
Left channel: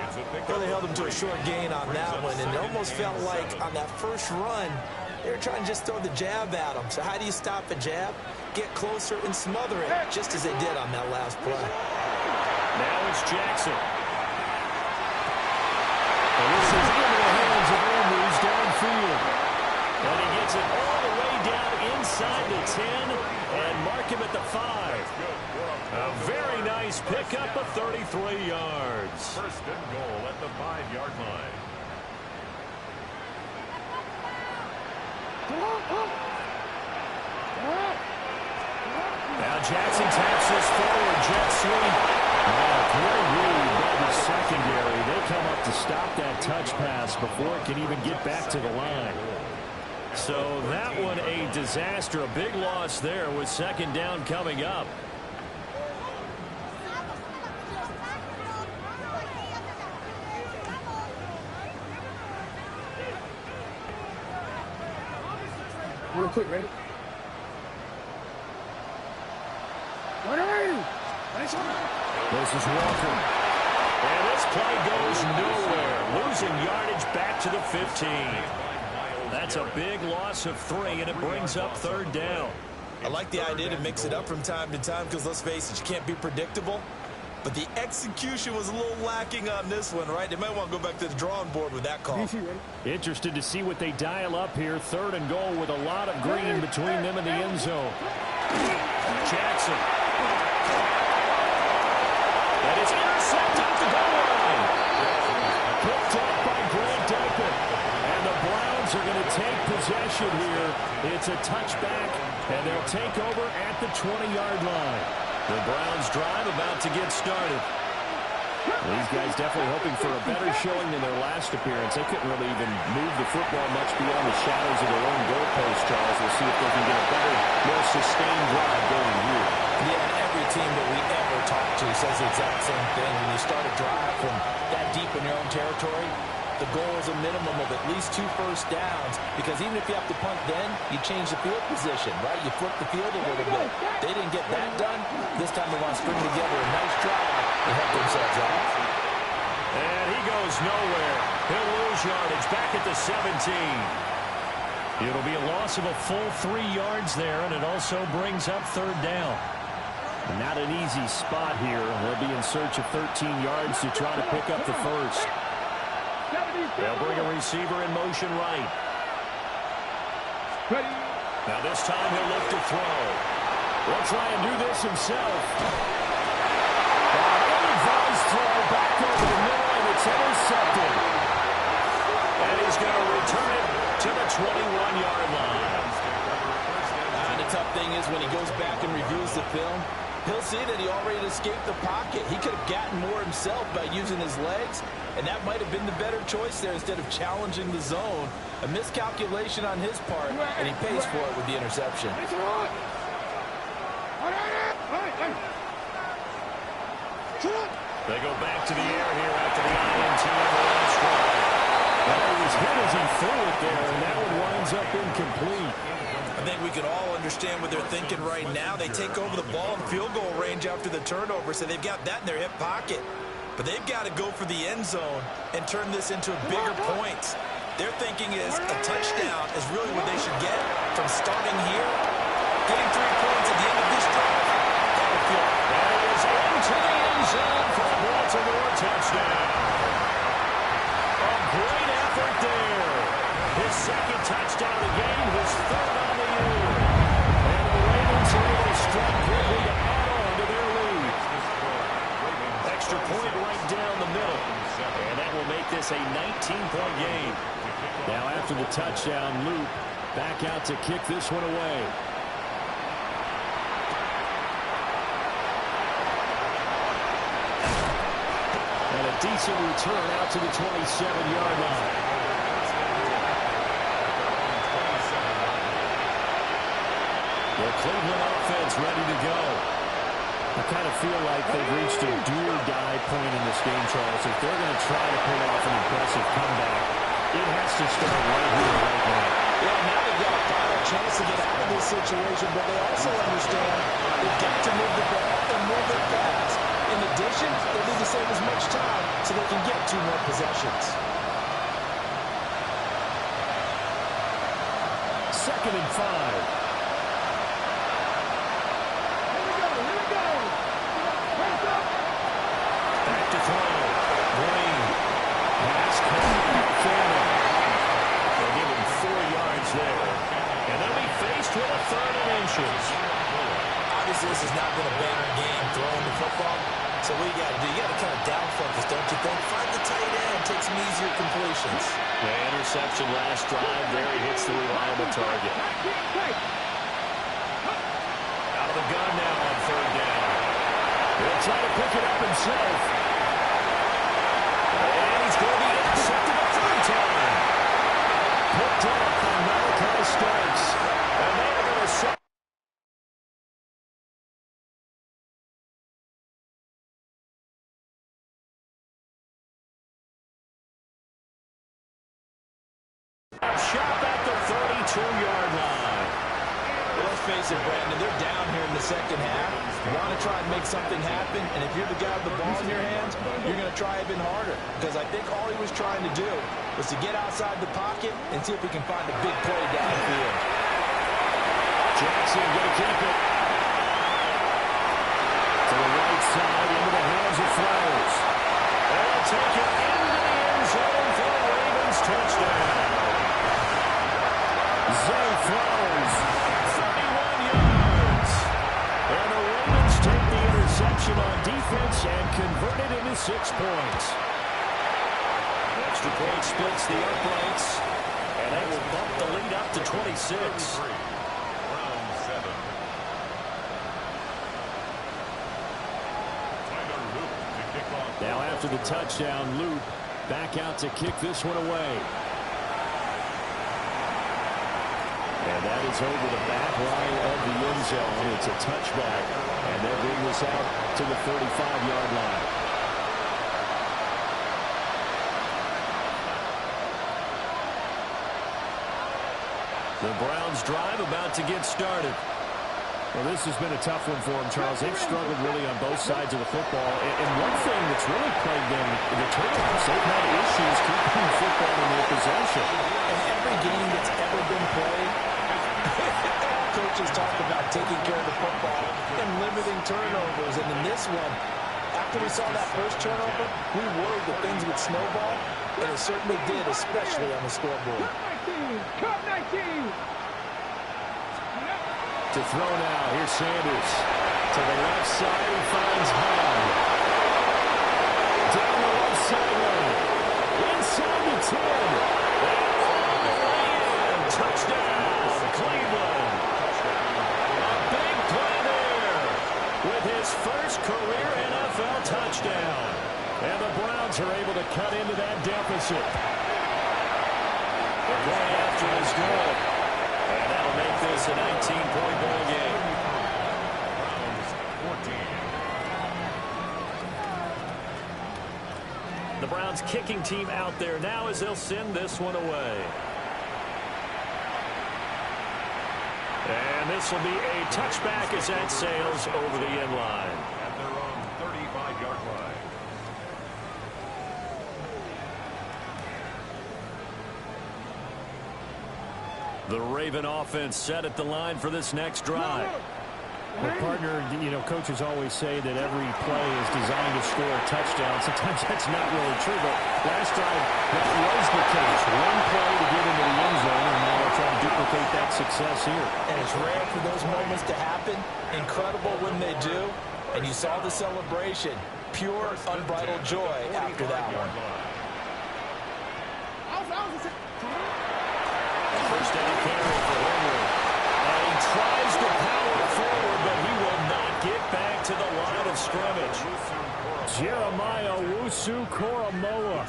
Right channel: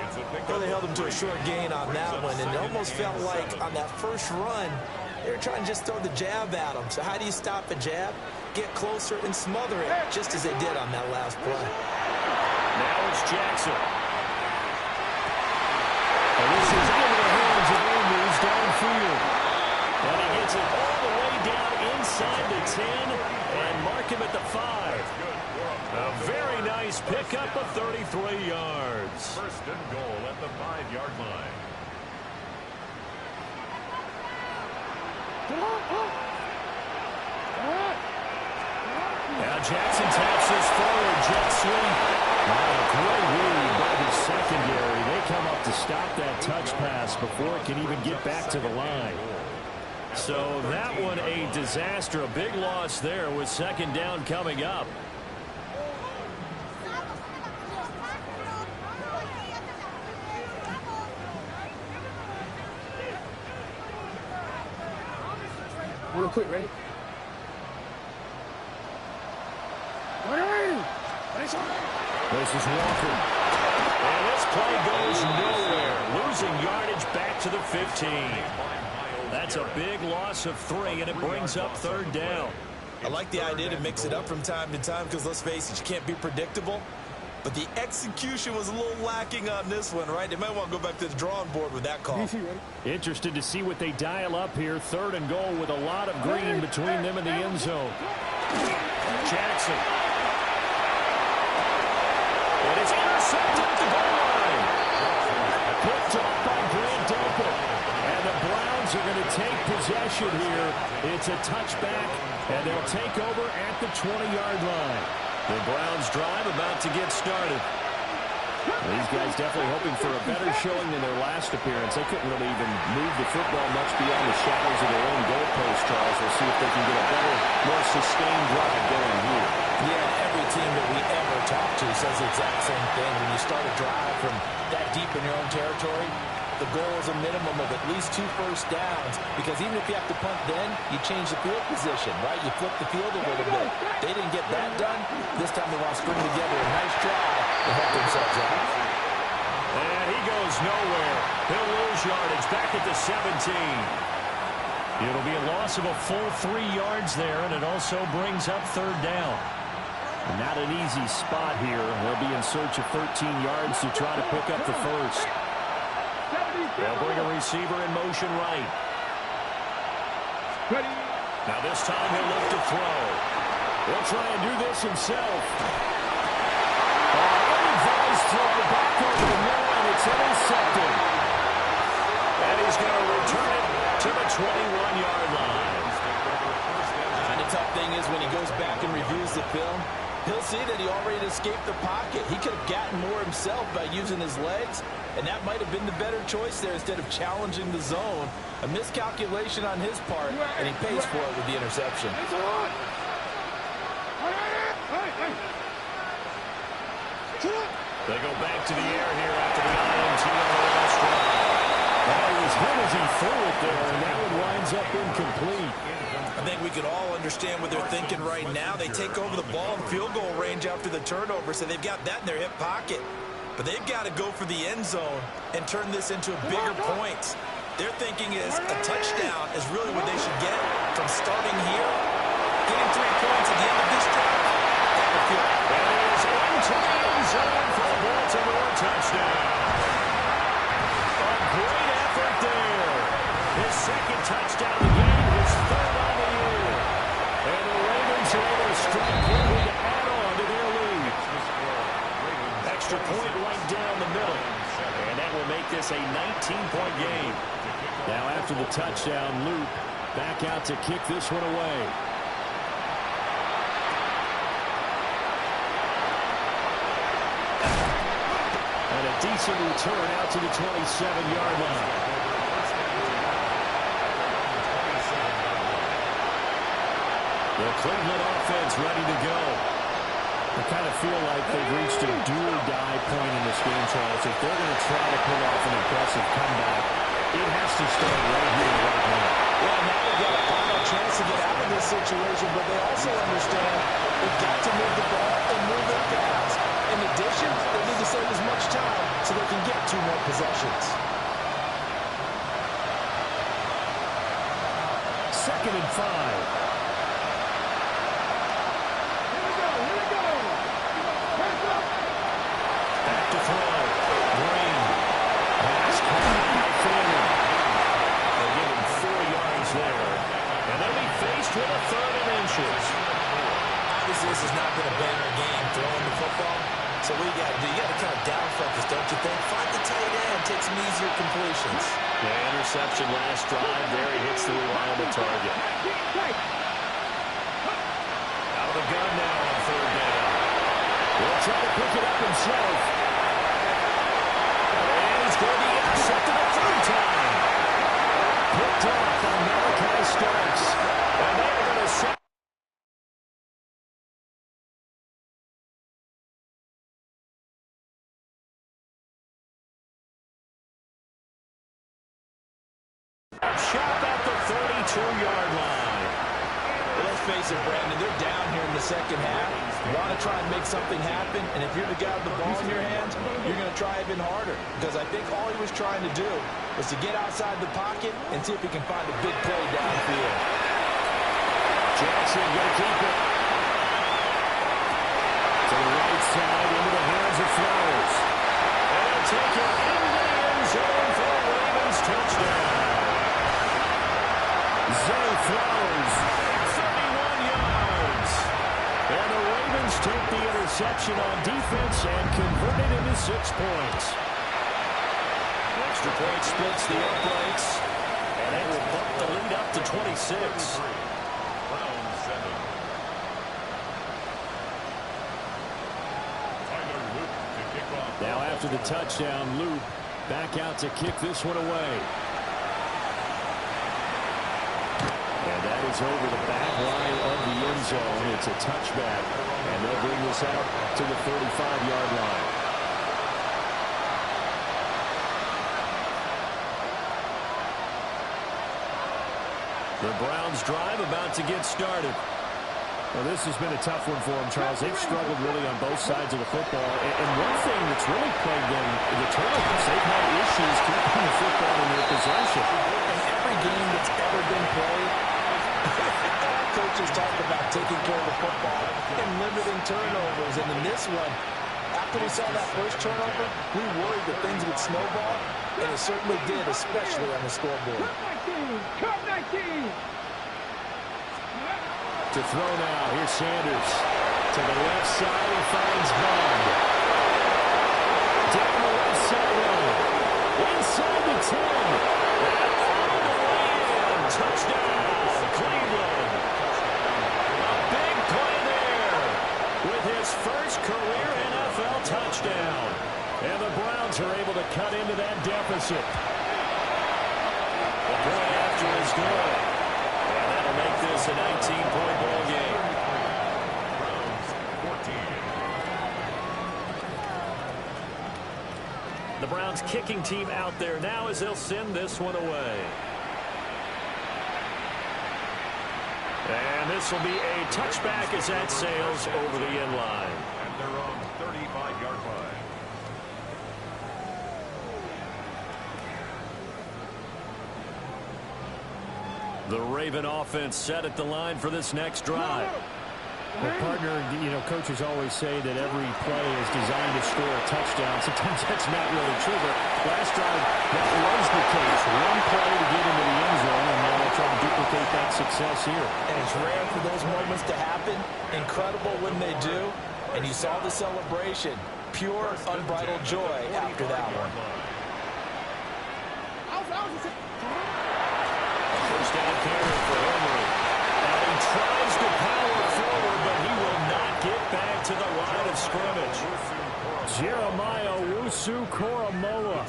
Well, they held him to a short gain on that one, and it almost felt like on that first run, they were trying to just throw the jab at him. So how do you stop a jab? Get closer and smother it, just as they did on that last play. Now it's Jackson. And this is into the hands of Andrews downfield. And he gets it all the way down inside the 10 and mark him at the 5. A very nice pickup of 33 yards. First and goal at the 5-yard line. Now Jackson taps this forward jet sweep. Great read by the secondary. They come up to stop that touch pass before it can even get back to the line. So that one a disaster. A big loss there with second down coming up. Real quick, ready? This is Walker. And this play goes nowhere. Losing yardage back to the 15. That's a big loss of 3, and it brings up third down. I like the idea to mix it up from time to time because, let's face it, you can't be predictable. But the execution was a little lacking on this one, right? They might want to go back to the drawing board with that call. Interested to see what they dial up here. Third and goal with a lot of green between them and the end zone. Jackson. And it's intercepted at the goal line. Picked off by Grant Delpit. And the Browns are going to take possession here. It's a touchback, and they'll take over at the 20-yard line. The Browns drive about to get started. These guys definitely hoping for a better showing than their last appearance. They couldn't really even move the football much beyond the shadows of their own goalpost, Charles. We'll see if they can get a better, more sustained drive going here. Yeah, and every team that we ever talk to says the exact same thing. When you start a drive from that deep in your own territory, the goal is a minimum of at least 2 first downs, because even if you have to punt then, you change the field position, right? You flip the field a little bit. They didn't get that done. This time they want to string together a nice drive and help themselves out. And he goes nowhere. He'll lose yardage back at the 17. It'll be a loss of a full 3 yards there, and it also brings up third down. Not an easy spot here. They'll be in search of 13 yards to try to pick up the first. They'll bring a receiver in motion right. Ready. Now this time he'll look to throw. He'll try and do this himself. Ill-advised throw back over the middle, and it's intercepted. And he's going to return it to the 21-yard line. And the tough thing is when he goes back and reviews the film, he'll see that he already escaped the pocket. He could have gotten more himself by using his legs, and that might have been the better choice there instead of challenging the zone. A miscalculation on his part, and he pays for it with the interception. They go back to the air here after the INT on the last drive. Well, he was hit as he threw it there, and that one winds up incomplete. I think we can all understand what they're thinking right now. They take over the ball in field goal range after the turnover, so they've got that in their hip pocket. But they've got to go for the end zone and turn this into a bigger points. Their thinking is a touchdown is really what they should get from starting here. Getting 3 points at the end of this drive, that would feel. And he is into the end zone for a Baltimore touchdown. A great effort there. His second touchdown of the game, his third on the year. And the Ravens are able to strike quickly to add on to their lead. Extra point right down the middle. And that will make this a 19-point game. Now after the touchdown, Luke back out to kick this one away. And a decent return out to the 27-yard line. The Cleveland offense ready to go. I kind of feel like they've reached a do-or-die point in this game, Charles. If they're going to try to pull off an impressive comeback, it has to start right here, right now. Yeah, now they've got a final chance to get out of this situation, but they also understand they've got to move the ball and move it fast. In addition, they need to save as much time so they can get 2 more possessions. 2nd and 5. Back to throw. Green. Pass caught by Fanning. They'll give him 4 yards there. And they'll be faced with a 3rd and inches. Obviously, this has not been a banner game throwing the football. So what you got to do, you got to kind of down focus, don't you think? Find the tight end, take some easier completions. The interception last drive. There he hits the reliable target. Out of the gun now on 3rd down. He'll try to pick it up himself. And he's going to be intercepted a 3rd time. Picked off by Malachi Starks. And they are going to set. Shop at the 32-yard line. Well, let's face it, Brandon, they're down here in the second half. You want to try and make something happen, and if you're the guy with the ball in your hands, you're going to try even harder. Because I think all he was trying to do was to get outside the pocket and see if he can find a big play downfield. Jackson going to keep it. To the right side, into the hands of Flowers. And he'll take it into the end zone for a Ravens touchdown. Zay Flowers, 31 yards. And the Ravens take the interception on defense and convert it into 6 points. Extra point splits the uprights, and that will bump the lead up to 26. Round 7. Tyler Luke to kick off. Now after the touchdown, Luke back out to kick this one away. And that is over the back line of the end zone. It's a touchback, and they'll bring this out to the 35-yard line. The Browns drive about to get started. Well, this has been a tough one for them, Charles. They've struggled really on both sides of the football. And one thing that's really plagued them, the turnovers. They've had issues keeping the football in their possession. In every game that's ever been played, all coaches talk about taking care of the football and limiting turnovers. And in this one, after we saw that first turnover, we worried that things would snowball, and it certainly did, especially on the scoreboard. Cup 19! To throw now, here's Sanders. To the left side, he finds Bond. Down the left sideline. Inside the 10. And all the way in. Touchdown, Cleveland. A big play there with his first career NFL touchdown. And the Browns are able to cut into that deficit. The point after is good. And that'll make this a 19-point ball game. Browns 14. The Browns kicking team out there now as they'll send this one away. And this will be a touchback as that sails over the end line. At their own 35-yard line. The Raven offense set at the line for this next drive. Well, partner, you know, coaches always say that every play is designed to score a touchdown. Sometimes that's not really true, but last drive, that was the case. One play to get into the end zone, and now they'll try to duplicate that success here. And it's rare for those moments to happen. Incredible when they do. And you saw the celebration. Pure, unbridled joy after that one. A first down carry for Henry. And he tries to power forward, but he will not get back to the line of scrimmage. Jeremiah Owusu-Koramoah.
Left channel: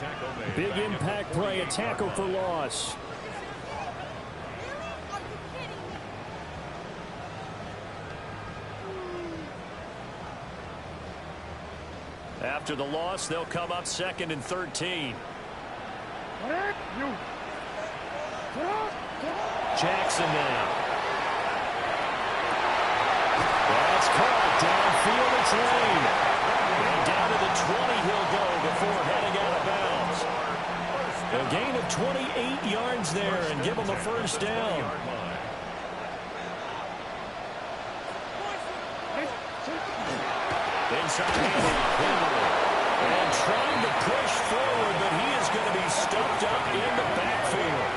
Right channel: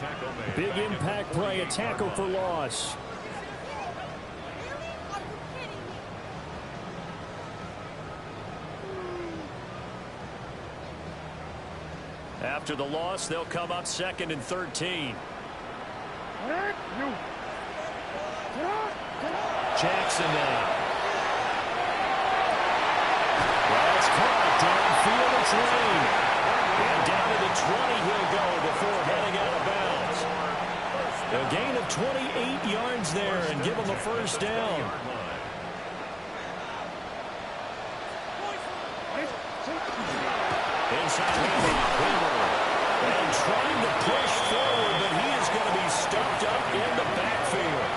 Big impact play, a tackle for loss. After the loss, they'll come up 2nd and 13. Jackson now. That's caught downfield. It's Lane. And down to the 20 he'll go before heading out of bounds. A gain of 28 yards there and give him a first down. Inside handoff, Henry. And trying to push forward, but he is going to be stuffed up in the backfield.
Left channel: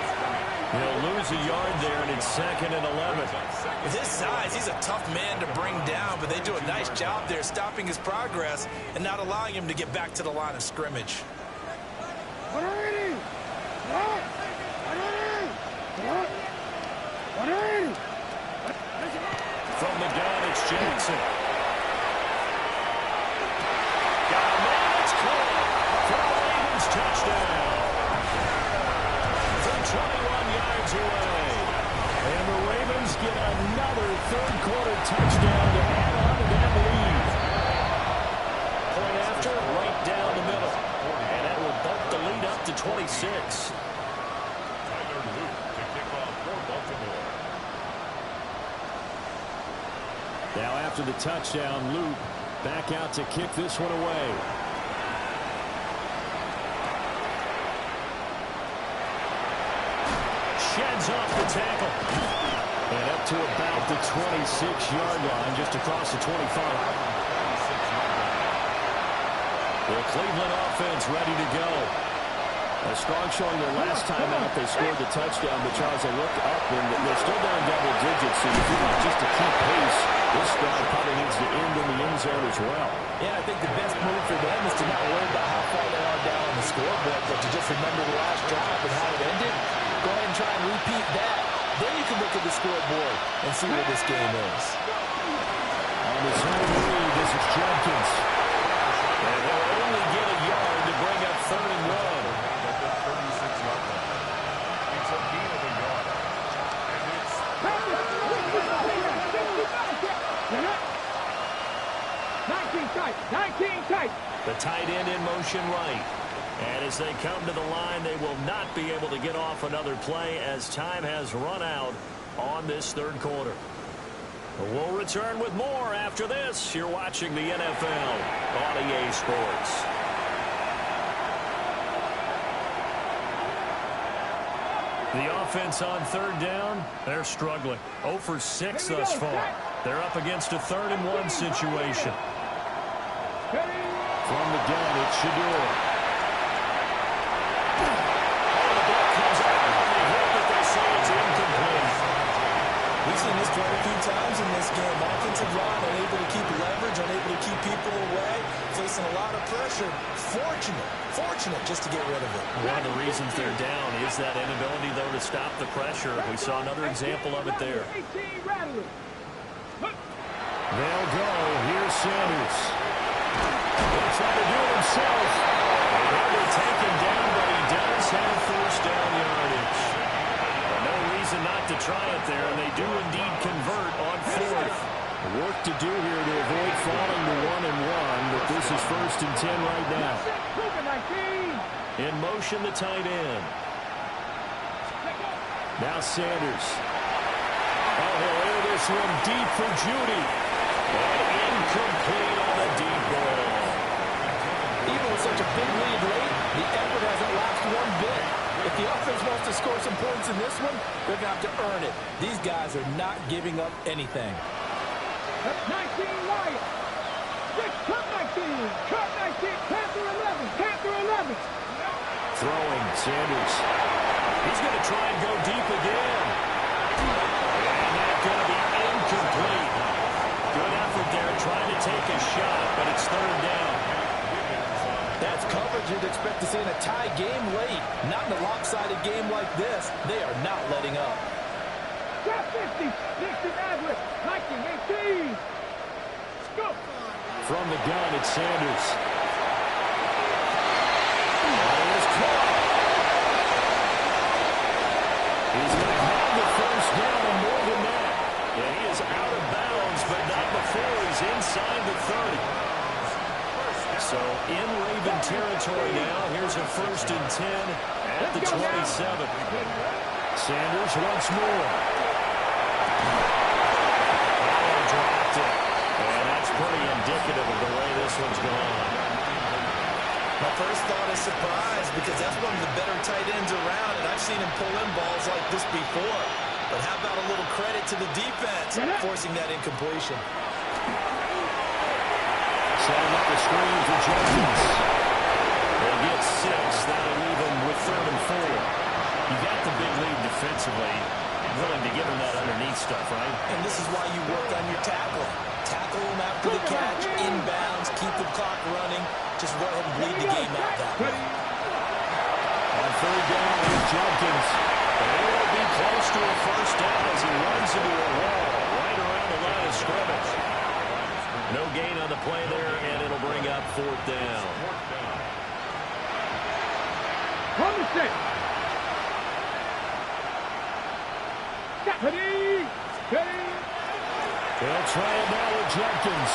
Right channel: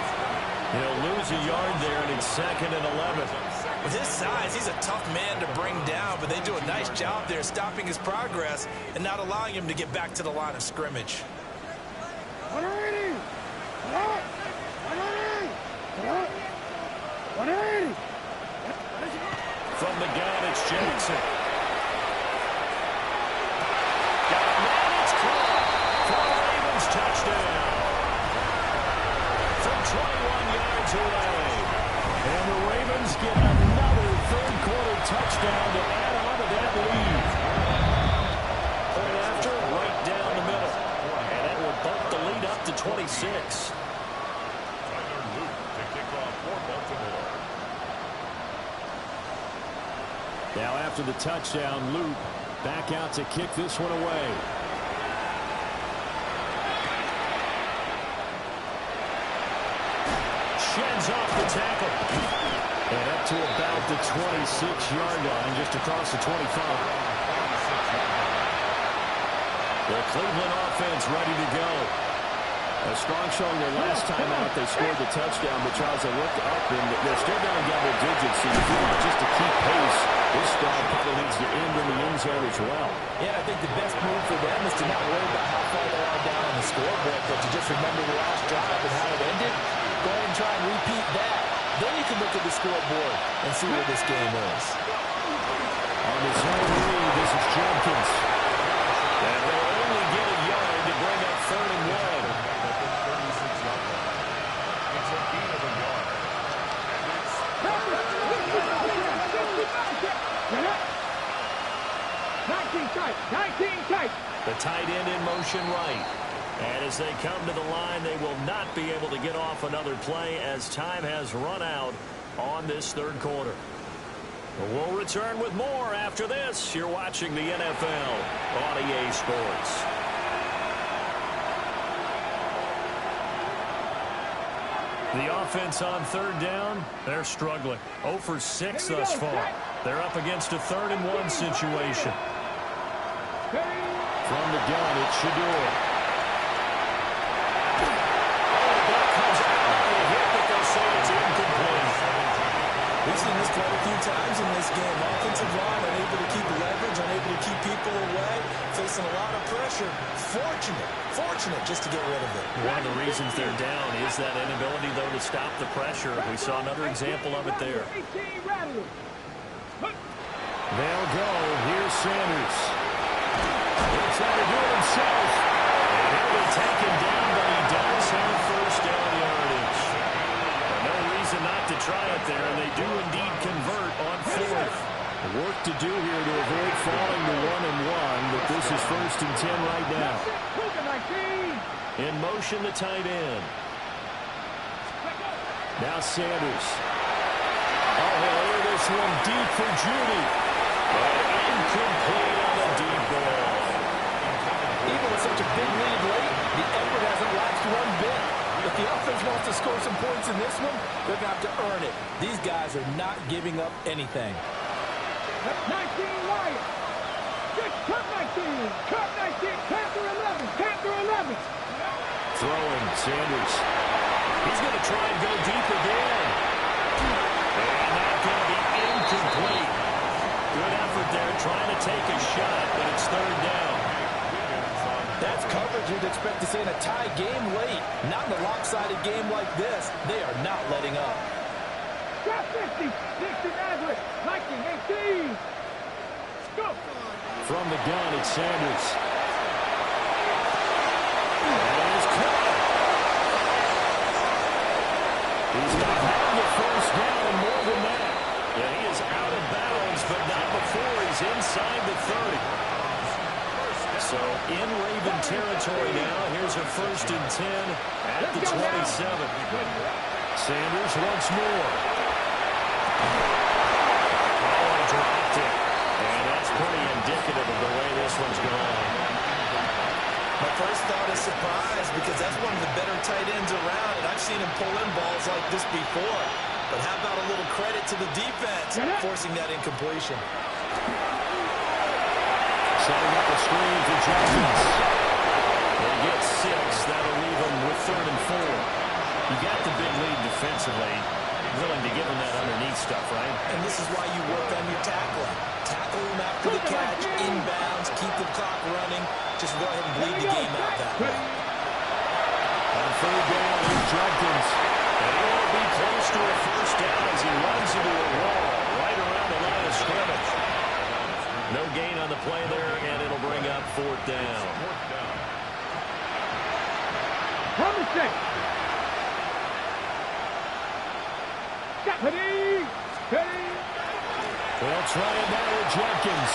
He'll lose a yard there, and it's 2nd and 11. With his size, he's a tough man to bring down, but they do a nice job there stopping his progress and not allowing him to get back to the line of scrimmage. From the gun, it's Jackson. Got a man, it's caught for a Ravens touchdown. From 21 yards away. And the Ravens get another third-quarter touchdown to add on to that lead. Point after, right down the middle. And that will bump the lead up to 26. Tyler Luke to kick off for Baltimore. Now after the touchdown, Luke back out to kick this one away. Sheds off the tackle. And up to about the 26-yard line, just across the 25. The Cleveland offense ready to go. A strong showing their last time out. They scored the touchdown, but Charles, they look up and they're still down double digits. So you feel like just to keep pace, this drive probably needs to end in the end zone as well. Yeah, I think the best move for them is to not worry about how far they are down on the scoreboard, but to just remember the last drive and how it ended. Go ahead and try and repeat that. Then you can look at the scoreboard and see where this game is. On his own read, this is Judkins. And they'll only get a yard to bring up 3rd and 1. At the 36-yard line. It's a gain of a yard. And it's 19 tight. The tight end in motion right. And as they come to the line, they will not be able to get off another play as time has run out on this third quarter. We'll return with more after this. You're watching the NFL on EA Sports. The offense on 3rd down, they're struggling. 0 for 6 thus far. They're up against a 3rd and 1 situation. From the gun, it's Shador. We've seen this quite a few times in this game. Offensive line unable to keep leverage, unable to keep people away, facing a lot of pressure. Fortunate just to get rid of it. One of the reasons they're down is that inability, though, to stop the pressure. We saw another example of it there. They'll They'll go. Here's Sanders. He'll try to do it himself. And he'll be taken down, but he does have first down yardage. No reason not to try it there, and they do indeed convert on fourth. Work to do here to avoid falling to 1-1, but this is 1st and 10 right now. In motion, the tight end. Now Sanders. Oh, he'll air this one deep for Judy. And incomplete on the deep ball. Even with such a big lead late, the effort hasn't lapsed one bit. If the offense wants to score some points in this one, they're going to have to earn it. These guys are not giving up anything. That's 19 Lions. Cut 19. Cut 19. Panther 11. Panther 11. Throwing, Sanders. He's going to try and go deep again. And that's going to be incomplete. Good effort there trying to take a shot, but it's 3rd down. That's coverage you'd expect to see in a tie game late. Not in a lopsided game like this. They are not letting up. Got 50. 60 Maverick. 19, 18. Go. From the gun, it's Sanders. And it is caught. He's going to have the first down and more than that. Yeah, he is out of bounds, but not before he's inside the 30. So in Raven territory now. Here's a 1st and 10 at the 27. Sanders once more. Oh, he dropped it. And that's pretty indicative of the way this one's gone. My first thought is surprise, because that's one of the better tight ends around, and I've seen him pull in balls like this before. But how about a little credit to the defense forcing that incompletion? Setting up a screen for Jenkins. They get 6. That'll leave them with 3rd and 4. You got the big lead defensively. Willing to give him that underneath stuff, right? And this is why you work on your tackling. Tackle them after the catch, inbounds, keep the clock running. Just go ahead and bleed the game out that way. On 3rd down, here's Jenkins. And he won't be close to a first down as he runs into a wall right around the line of scrimmage. No gain on the play there, and it'll bring up 4th down. From the 6. Ready. Ready. They'll try it now with Jenkins.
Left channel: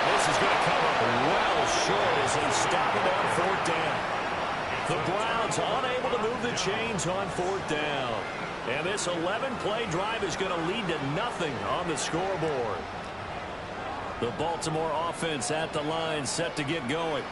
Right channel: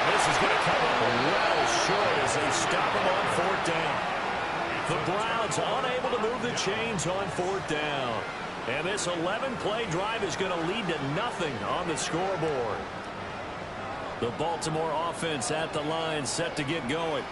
And this is going to come up well short as they stop him on 4th down. The Browns unable to move the chains on 4th down. And this 11-play drive is going to lead to nothing on the scoreboard. The Baltimore offense at the line, set to get going.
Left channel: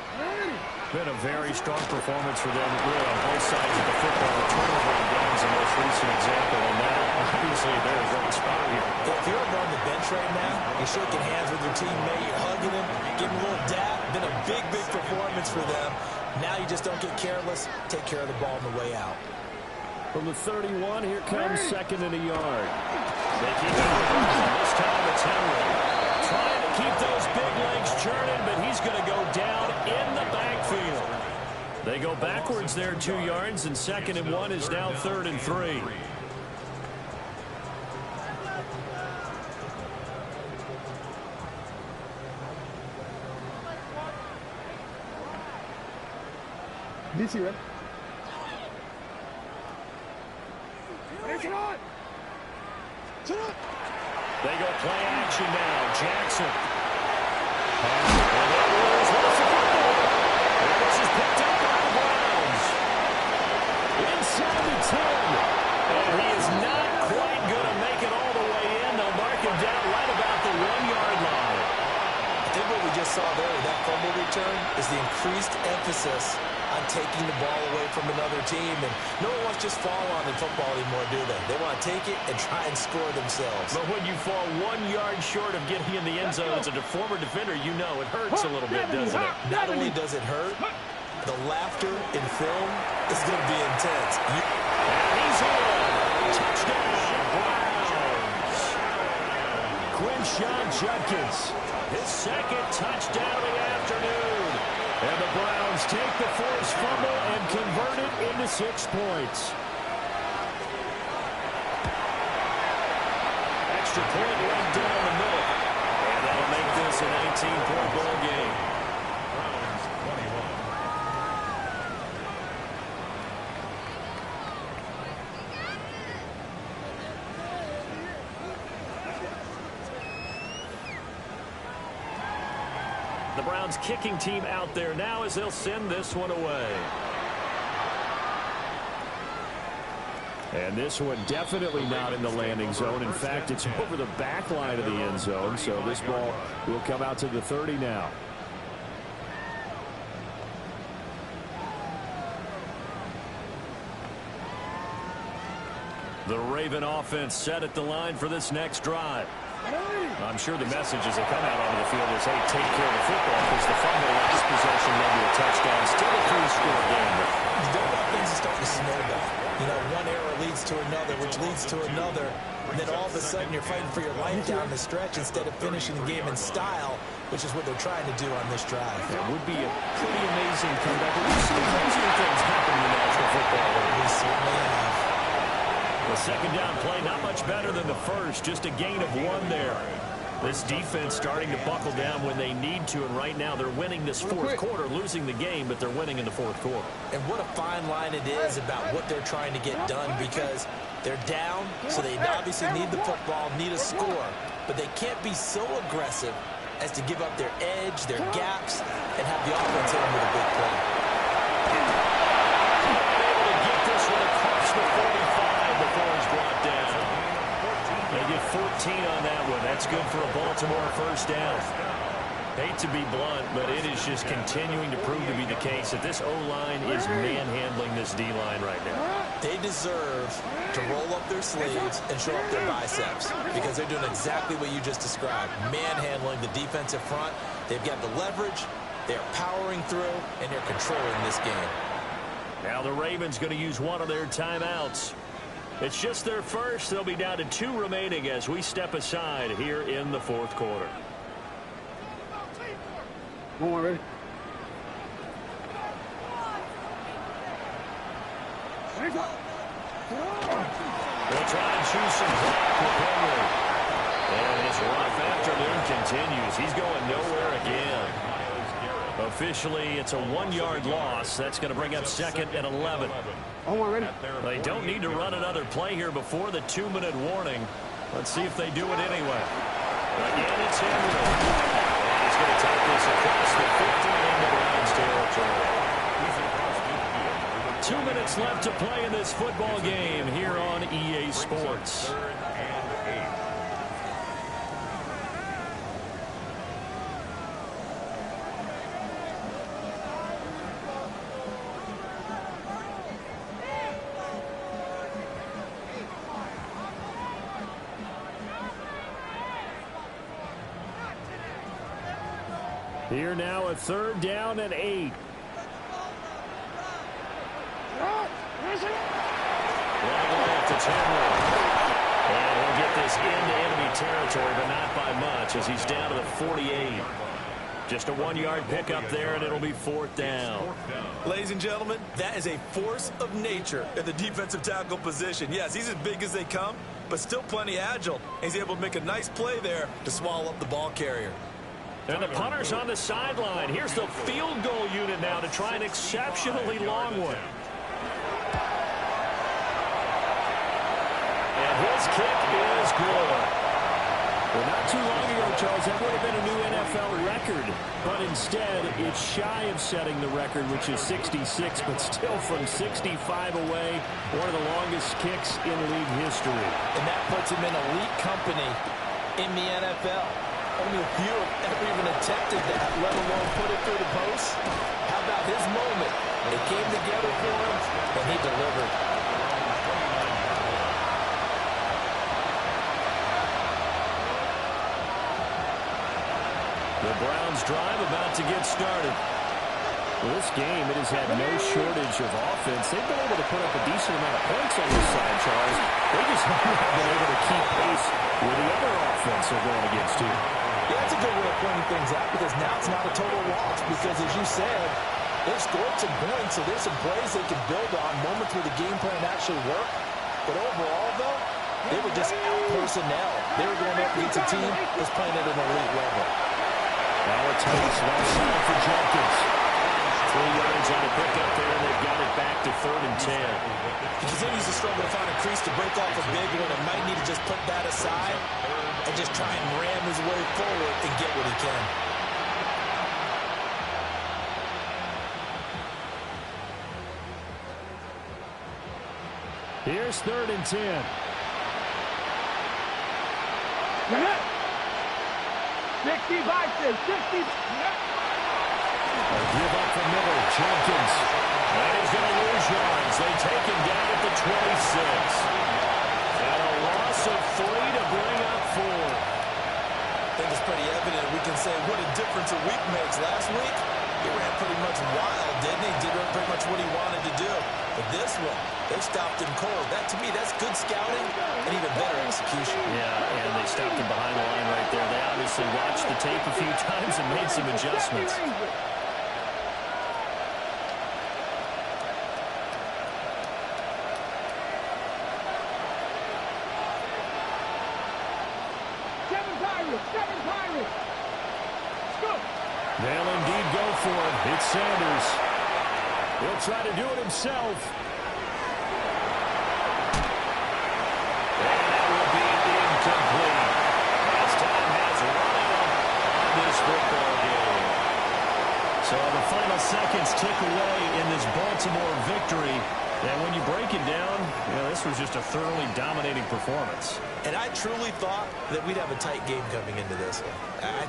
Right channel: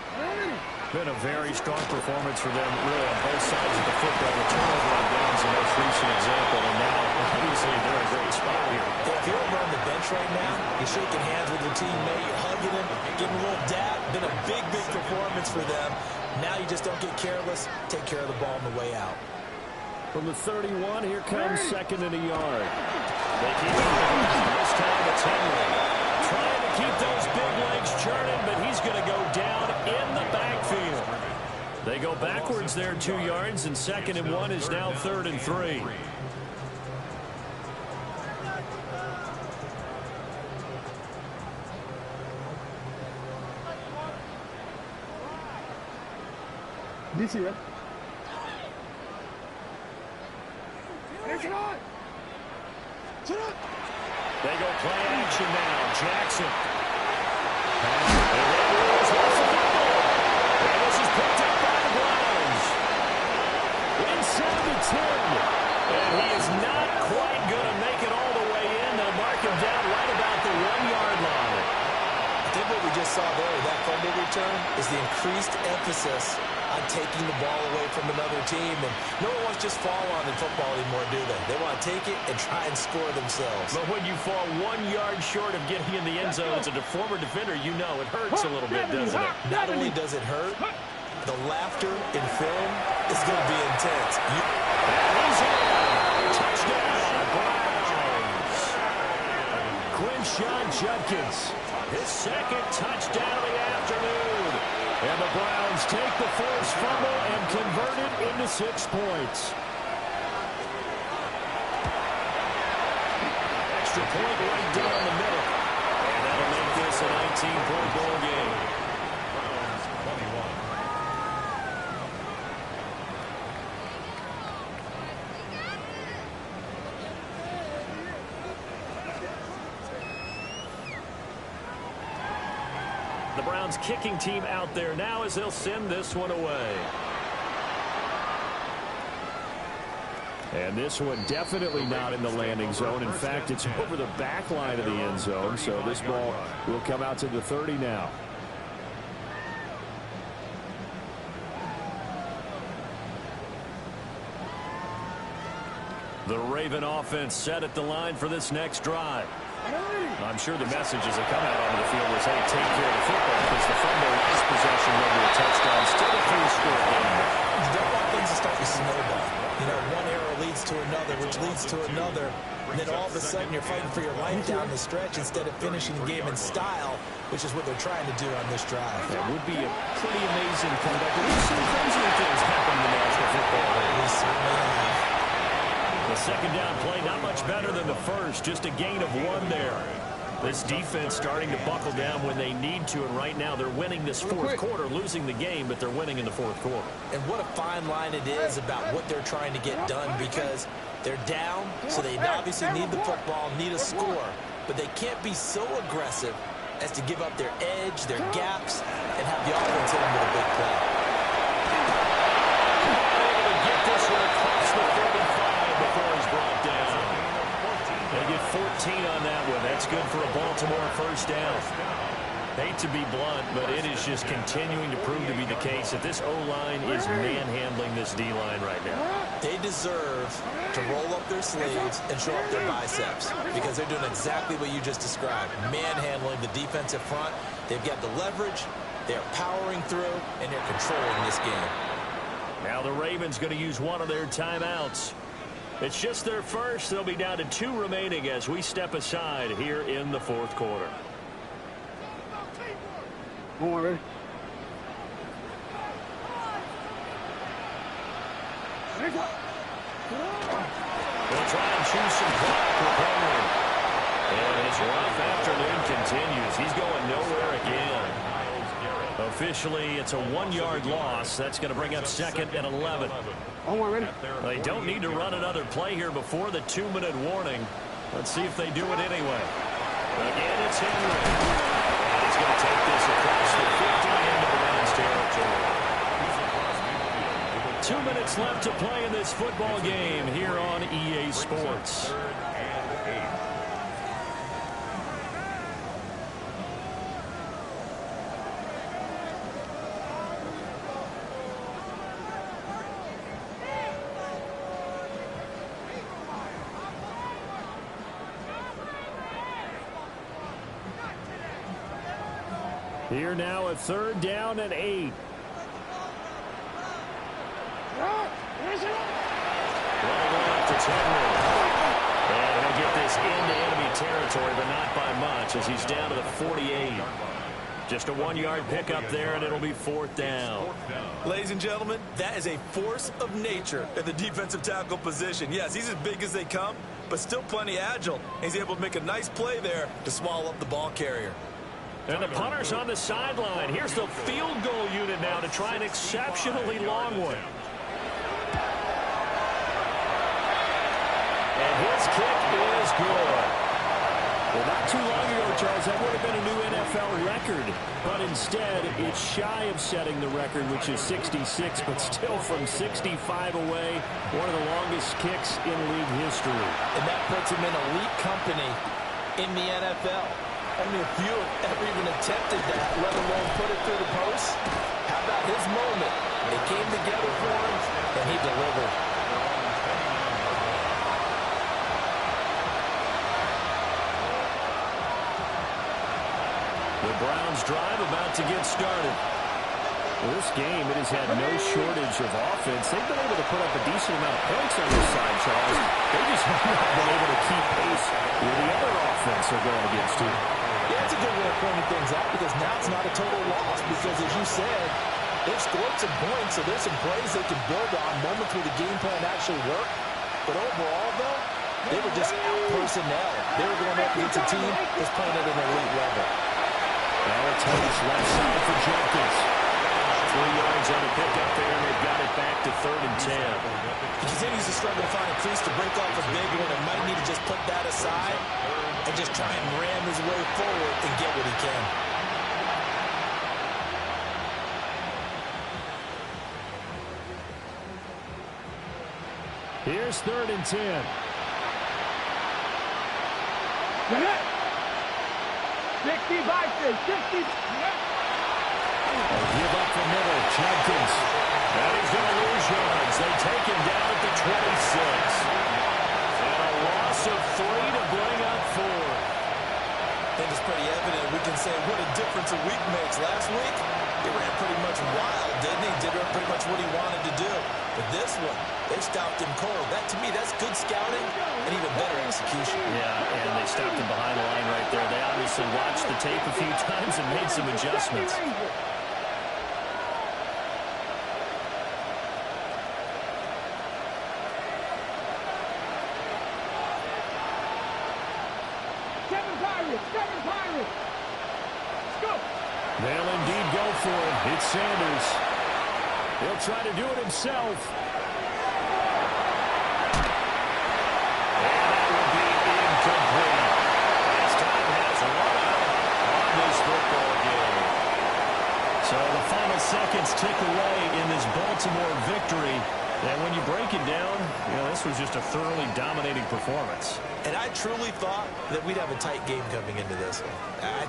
Been a very strong performance for them, really, on both sides of the football. The turnover on downs the most recent example, and now, obviously, they're in a great spot here. If you're over on the bench right now, you're shaking hands with your teammate, you're hugging him, giving him a little dap. Been a big, big performance for them. Now you just don't get careless. Take care of the ball on the way out. From the 31, here comes 2nd and a yard. They keep it moving. This time it's Henry. Trying to keep those big legs churning, but he's going to go down in the backfield. They go backwards there 2 yards, and 2nd and 1 is now 3rd and 3. DC, right? They go play action now. Jackson. And Edwards wants the football. And this is picked up by the Browns. Inside the 10. And he is not quite going to make it all the way in. They'll mark him down right about the 1-yard line. I think what we just saw there with that fumble return is the increased emphasis on taking the ball away from another team. And no one wants to just fall on in football anymore, do they? They want to take it and try and score themselves. But when you fall 1 yard short of getting in the end zone as a former defender, you know it hurts a little bit, doesn't it? Not only does it hurt, the laughter in film is going to be intense. And he's in. Touchdown, Browns. Quinshon Judkins, his 2nd touchdown of the afternoon. And the Browns take the forced fumble and convert it into 6 points. Extra point right down the middle. And that'll make this a 19-point ball game. Browns 21. The Browns kicking team out there now as they'll send this one away. And this one definitely not in the landing zone. In fact, it's over the back line of the end zone. So this ball will come out to the 30 now. The Raven offense set at the line for this next drive. I'm sure the messages that come out onto the field was, hey, take care of the football, because the fumble last possession led to a touchdown. Still a 3-score game. You don't want things to start to snowball. You know, one error leads to another, which leads to another. And then all of a sudden you're fighting for your life down the stretch instead of finishing the game in style, which is what they're trying to do on this drive. That would be a pretty amazing comeback. We've seen crazier things happen in the National Football League. We certainly have. The second down play, not much better than the first. Just a gain of 1 there. This defense starting to buckle down when they need to, and right now they're winning this fourth quarter, losing the game, but they're winning in the fourth quarter. And what a fine line it is about what they're trying to get done, because they're down, so they obviously need the football, need a score, but they can't be so aggressive as to give up their edge, their gaps, and have the offense hit them with a big play. Able to get this one across the 45 before he's brought down. They get 14 on that one. That's good for a Baltimore first down. Hate to be blunt, but it is just continuing to prove to be the case that this O-line is manhandling this D-line right now. They deserve to roll up their sleeves and show up their biceps, because they're doing exactly what you just described, manhandling the defensive front. They've got the leverage, they're powering through, and they're controlling this game. Now the Ravens going to use one of their timeouts. It's just their first. They'll be down to 2 remaining as we step aside here in the fourth quarter. One more, ready? They'll try and choose some clock with Henry. And his rough afternoon continues. He's going nowhere again. Officially, it's a 1-yard loss. That's going to bring up 2nd and 11. One more, ready? They don't need to run another play here before the 2-minute warning. Let's see if they do it anyway. Again, it's Henry. And he's going to take this across the 50 into Browns territory. 2 minutes left to play in this football game here on EA Sports. 3rd and 8. Here now, a 3rd down and 8. Running left, it's Henry. And he'll get this into enemy territory, but not by much, as he's down to the 48. Just a 1-yard pickup there, and it'll be 4th down. Ladies and gentlemen, that is a force of nature at the defensive tackle position. Yes, he's as big as they come, but still plenty agile. He's able to make a nice play there to swallow up the ball carrier. And the punter's on the sideline. Here's the field goal unit now to try an exceptionally long one. And his kick is good. Well, not too long ago, Charles, that would have been a new NFL record. But instead, it's shy of setting the record, which is 66, but still from 65 away, one of the longest kicks in league history. And that puts him in elite company in the NFL. Only a few have ever even attempted that, let alone put it through the post. How about his moment? It came together for him, and he delivered. The Browns drive about to get started. Well, this game, it has had no shortage of offense. They've been able to put up a decent amount of points on this side, Charles. They just haven't been able to keep pace with the other offense they're going against, too. Yeah, it's a good way of pointing things out, because now it's not a total loss, because as you said, they've scored some points, so there's some plays they can build on, moments where the game plan actually worked. But overall, though, They were just out personnel. They were going up against a team that's playing at an elite level. Now a tight left side for Jenkins. 3 yards on a pickup there, and they've got it back to 3rd and 10. He continues to struggle to find a crease to break off a big one and might need to just put that aside and just try and ram his way forward and get what he can. Here's 3rd and 10. 60 Vikings, 60. A give up the middle, Jenkins. And he's going to lose yards. They take him down at the 26. And a loss of 3 to bring up 4. I think it's pretty evident we can say what a difference a week makes. Last week, he ran pretty much wild, didn't he? Did pretty much what he wanted to do. But this one, they stopped him cold. That, to me, that's good scouting and even better execution. Yeah, and they stopped him behind the line right there. They obviously watched the tape a few times and made some adjustments. Seven Pirates. Scoop. They'll indeed go for it. It's Sanders. He'll try to do it himself. And that will be incomplete. As time has run out on this football game. So the final seconds tick away in this Baltimore victory. And when you break it down, this was just a thoroughly dominating performance. And I truly thought that we'd have a tight game coming into this one. I think